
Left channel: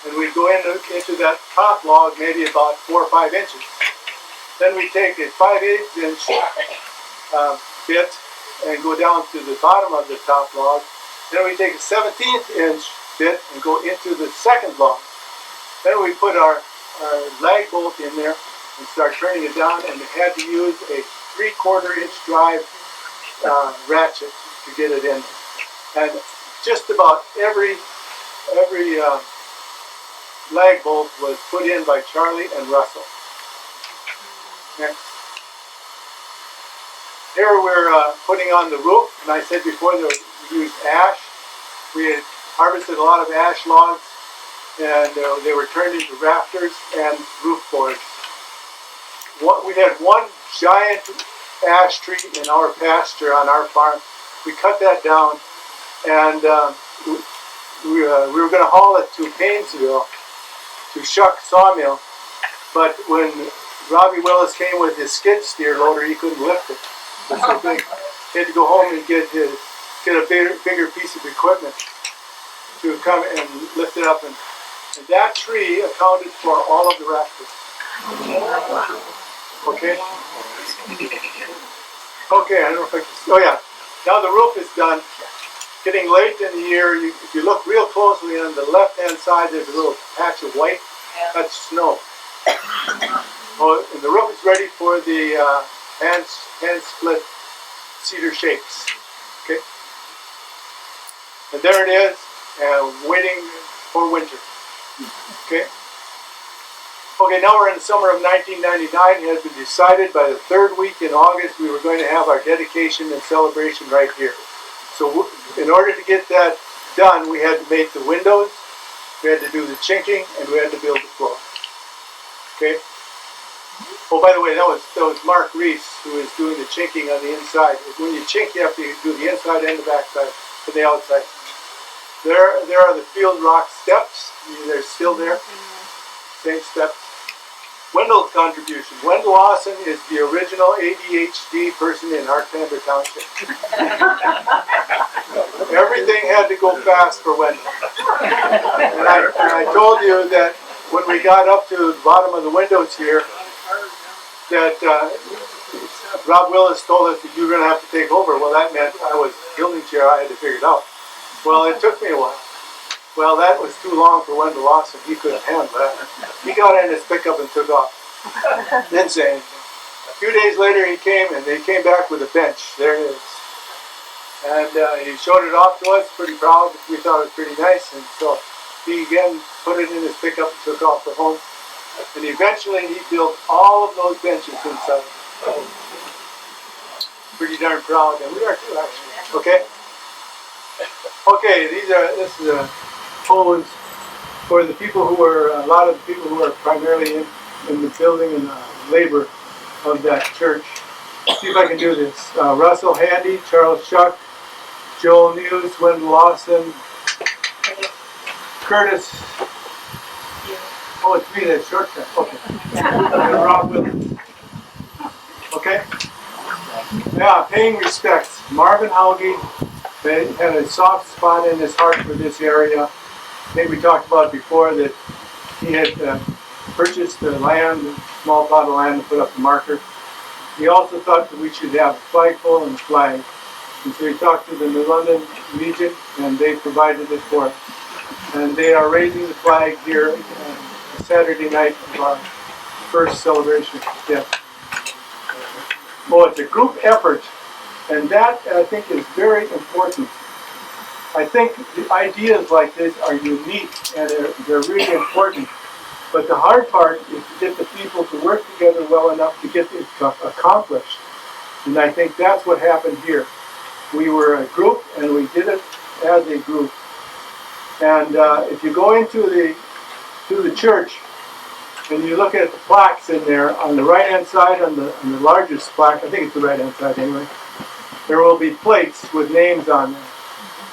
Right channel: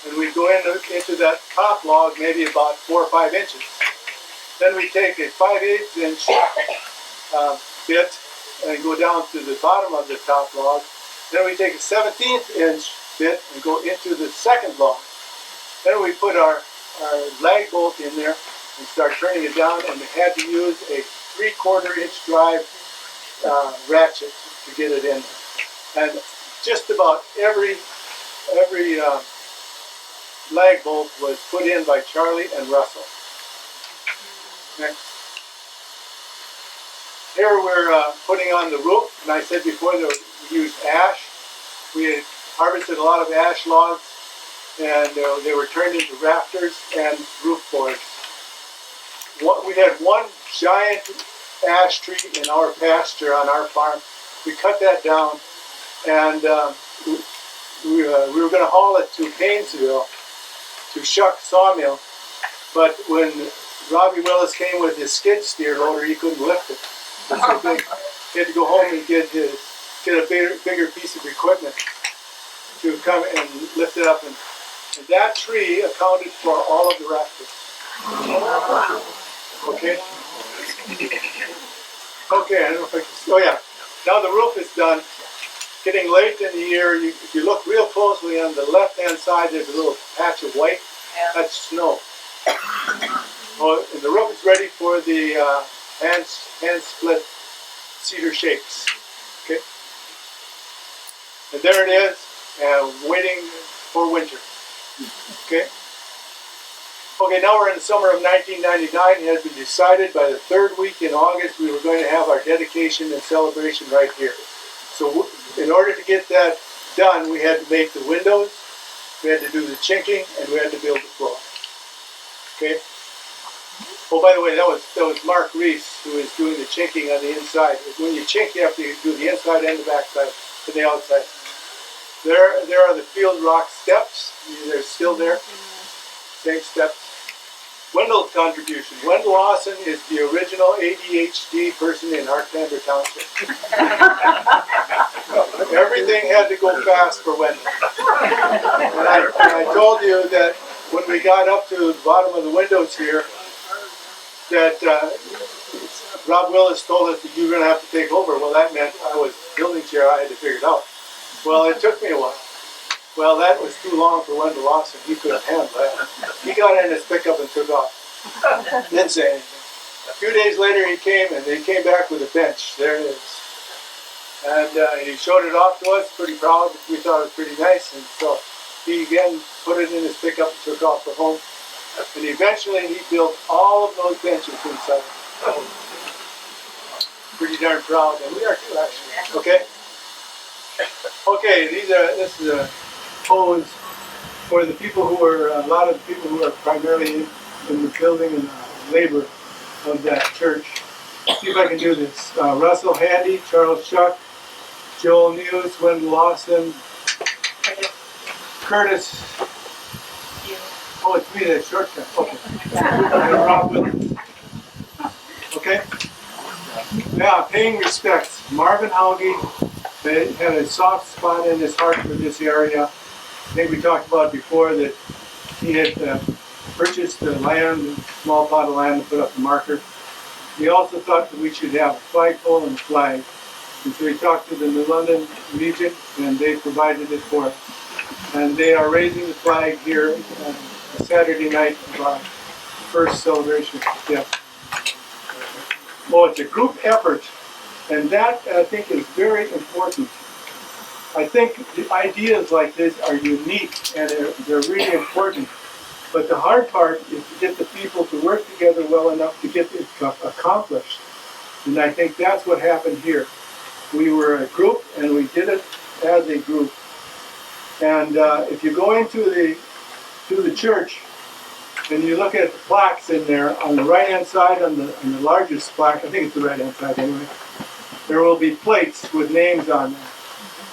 And we'd go into that top log maybe about 4 or 5 inches. Then we take a 5/8 inch bit and go down to the bottom of the top log. Then we take a 17th inch bit and go into the second log. Then we put our lag bolt in there and start turning it down, and we had to use a 3/4 inch drive ratchet to get it in. And just about every lag bolt was put in by Charlie and Russell. Next. Here we're putting on the roof, and I said before that we used ash. We had harvested a lot of ash logs, and they were turned into rafters and roof boards. We had one giant ash tree in our pasture on our farm. We cut that down, and we were going to haul it to Paynesville, to Shuck Sawmill, but when Robbie Willis came with his skid steer loader, he couldn't lift it. It was so big. He had to go home and get a bigger piece of equipment to come and lift it up. And that tree accounted for all of the rafters. Okay? Okay, I don't know if I can, oh yeah. Now the roof is done. Getting late in the year, if you look real closely on the left-hand side, there's a little patch of white. Yeah. That's snow. Oh, and the roof is ready for the hand split cedar shakes. Okay. And there it is, waiting for winter. Okay. Okay, now we're in the summer of 1999. It had been decided by the third week in August we were going to have our dedication and celebration right here. So in order to get that done, we had to make the windows, we had to do the chinking, and we had to build the floor. Okay? Oh, by the way, that was Mark Reese who is doing the chinking on the inside. When you chink, you have to do the inside and the back side and the outside. There are the field rock steps. They're still there. Same steps. Wendell's contribution. Wendell Lawson is the original ADHD person in Arkansas Township. Everything had to go fast for Wendell. And I told you that when we got up to the bottom of the windows here, that Rob Willis told us that you were going to have to take over. Well, that meant I was building chair. I had to figure it out. Well, it took me a while. Well, that was too long for Wendell Lawson. He couldn't handle that. He got in his pickup and took off. Didn't say anything. A few days later he came, and they came back with a bench. There it is. And he showed it off to us, pretty proud. We thought it was pretty nice. And so he again put it in his pickup and took off for home. And eventually he built all of those benches inside. Pretty darn proud. And we are too, actually. Okay? Okay, this is a pose for the people who are, a lot of the people who are primarily in the building and labor of that church. See if I can do this. Russell Handy, Charles Shuck, Joel News, Wendell Lawson, Curtis. Oh, it's me, that shortcut. Okay. And Rob Willis. Okay? Yeah, paying respects. Marvin Hauge had a soft spot in his heart for this area. I think we talked about before that he had purchased the land, a small plot of land to put up the marker. He also thought that we should have a flagpole and a flag. And so he talked to the New London Legion, and they provided it for us. And they are raising the flag here Saturday night of our first celebration. Yes. Well, it's a group effort, and that I think is very important. I think the ideas like this are unique and they're really important. But the hard part is to get the people to work together well enough to get it accomplished. And I think that's what happened here. We were a group and we did it as a group. And if you go into the church and you look at the plaques in there, on the right-hand side, on the largest plaque, I think it's the right-hand side anyway, there will be plates with names on them.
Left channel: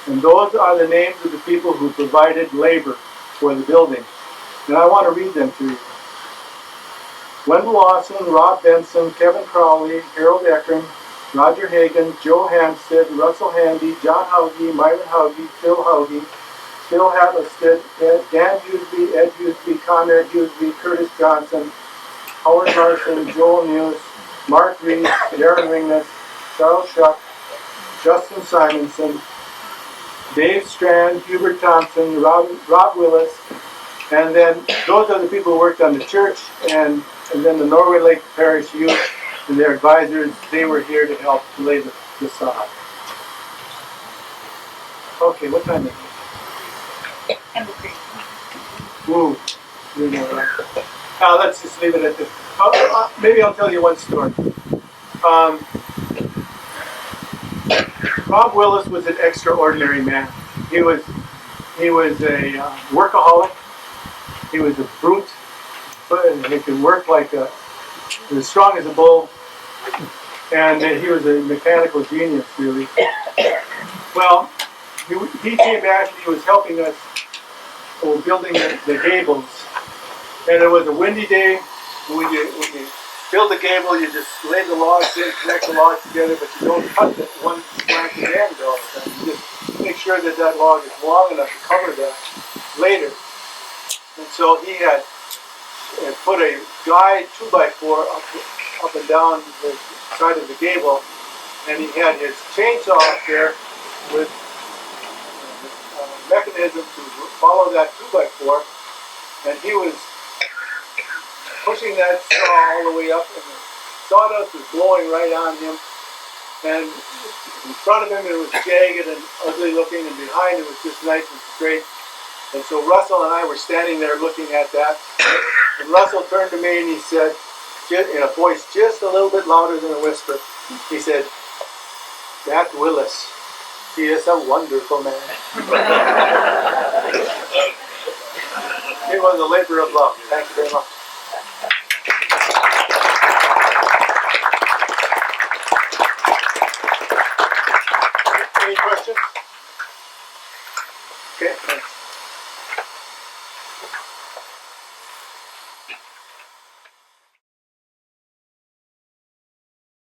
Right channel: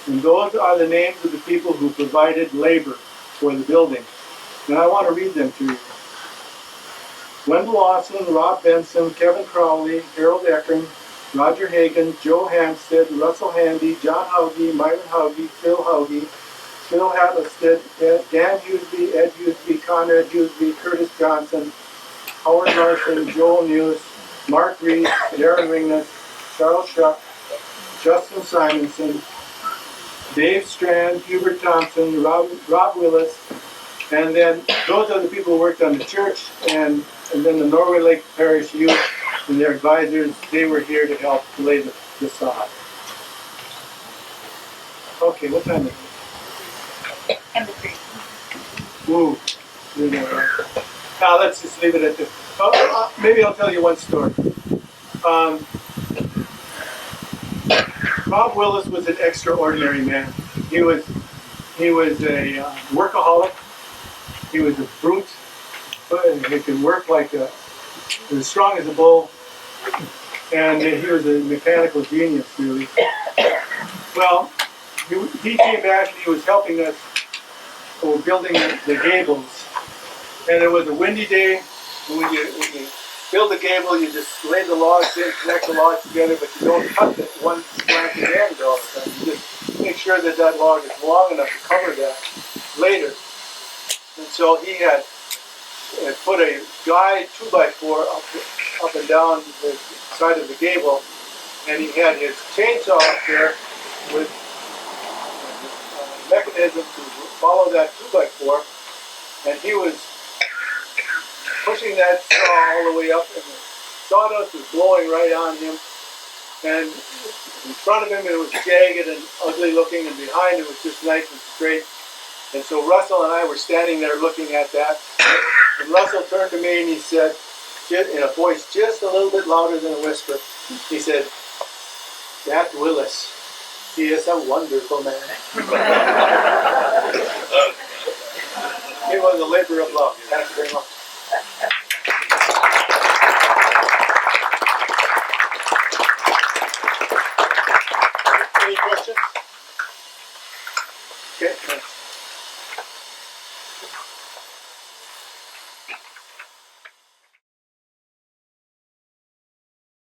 And those are the names of the people who provided labor for the building. And I want to read them to you. Wendell Lawson, Rob Benson, Kevin Crowley, Harold Eckern, Roger Hagan, Joe Hampstead, Russell Handy, John Hauge, Myron Hauge, Phil Hauge, Phil Hattlestead, Dan Huseby, Ed Huseby, Conrad Huseby, Curtis Johnson, Howard Larson, Joel News, Mark Reese, Darren Ringness, Charles Shuck, Justin Simonson, Dave Strand, Hubert Thompson, Rob Willis, and then those are the people who worked on the church, and then the Norway Lake Parish Youth and their advisors. They were here to help lay the sod. Okay, what time is it? And the creek. Ooh, you know, right? Let's just leave it at this. Maybe I'll tell you one story. Rob Willis was an extraordinary man. He was a workaholic. He was a brute. He could work like he was strong as a bull. And he was a mechanical genius, really. Well, he came back and he was helping us building the gables. And it was a windy day. When you build a gable, you just lay the logs in, connect the logs together, but you don't cut the one slanted end all the time. You just make sure that that log is long enough to cover that later. And so he had put a guide 2x4 up and down the side of the gable, and he had his chainsaw up there with a mechanism to follow that 2x4, and he was pushing that saw all the way up, and the sawdust was blowing right on him, and in front of him it was jagged and ugly looking, and behind it was just nice and straight. And so Russell and I were standing there looking at that, and Russell turned to me and he said, in a voice just a little bit louder than a whisper, he said, "That Willis, he is a wonderful man." It was a labor of love. Thank you very much. Any questions? Okay, thanks.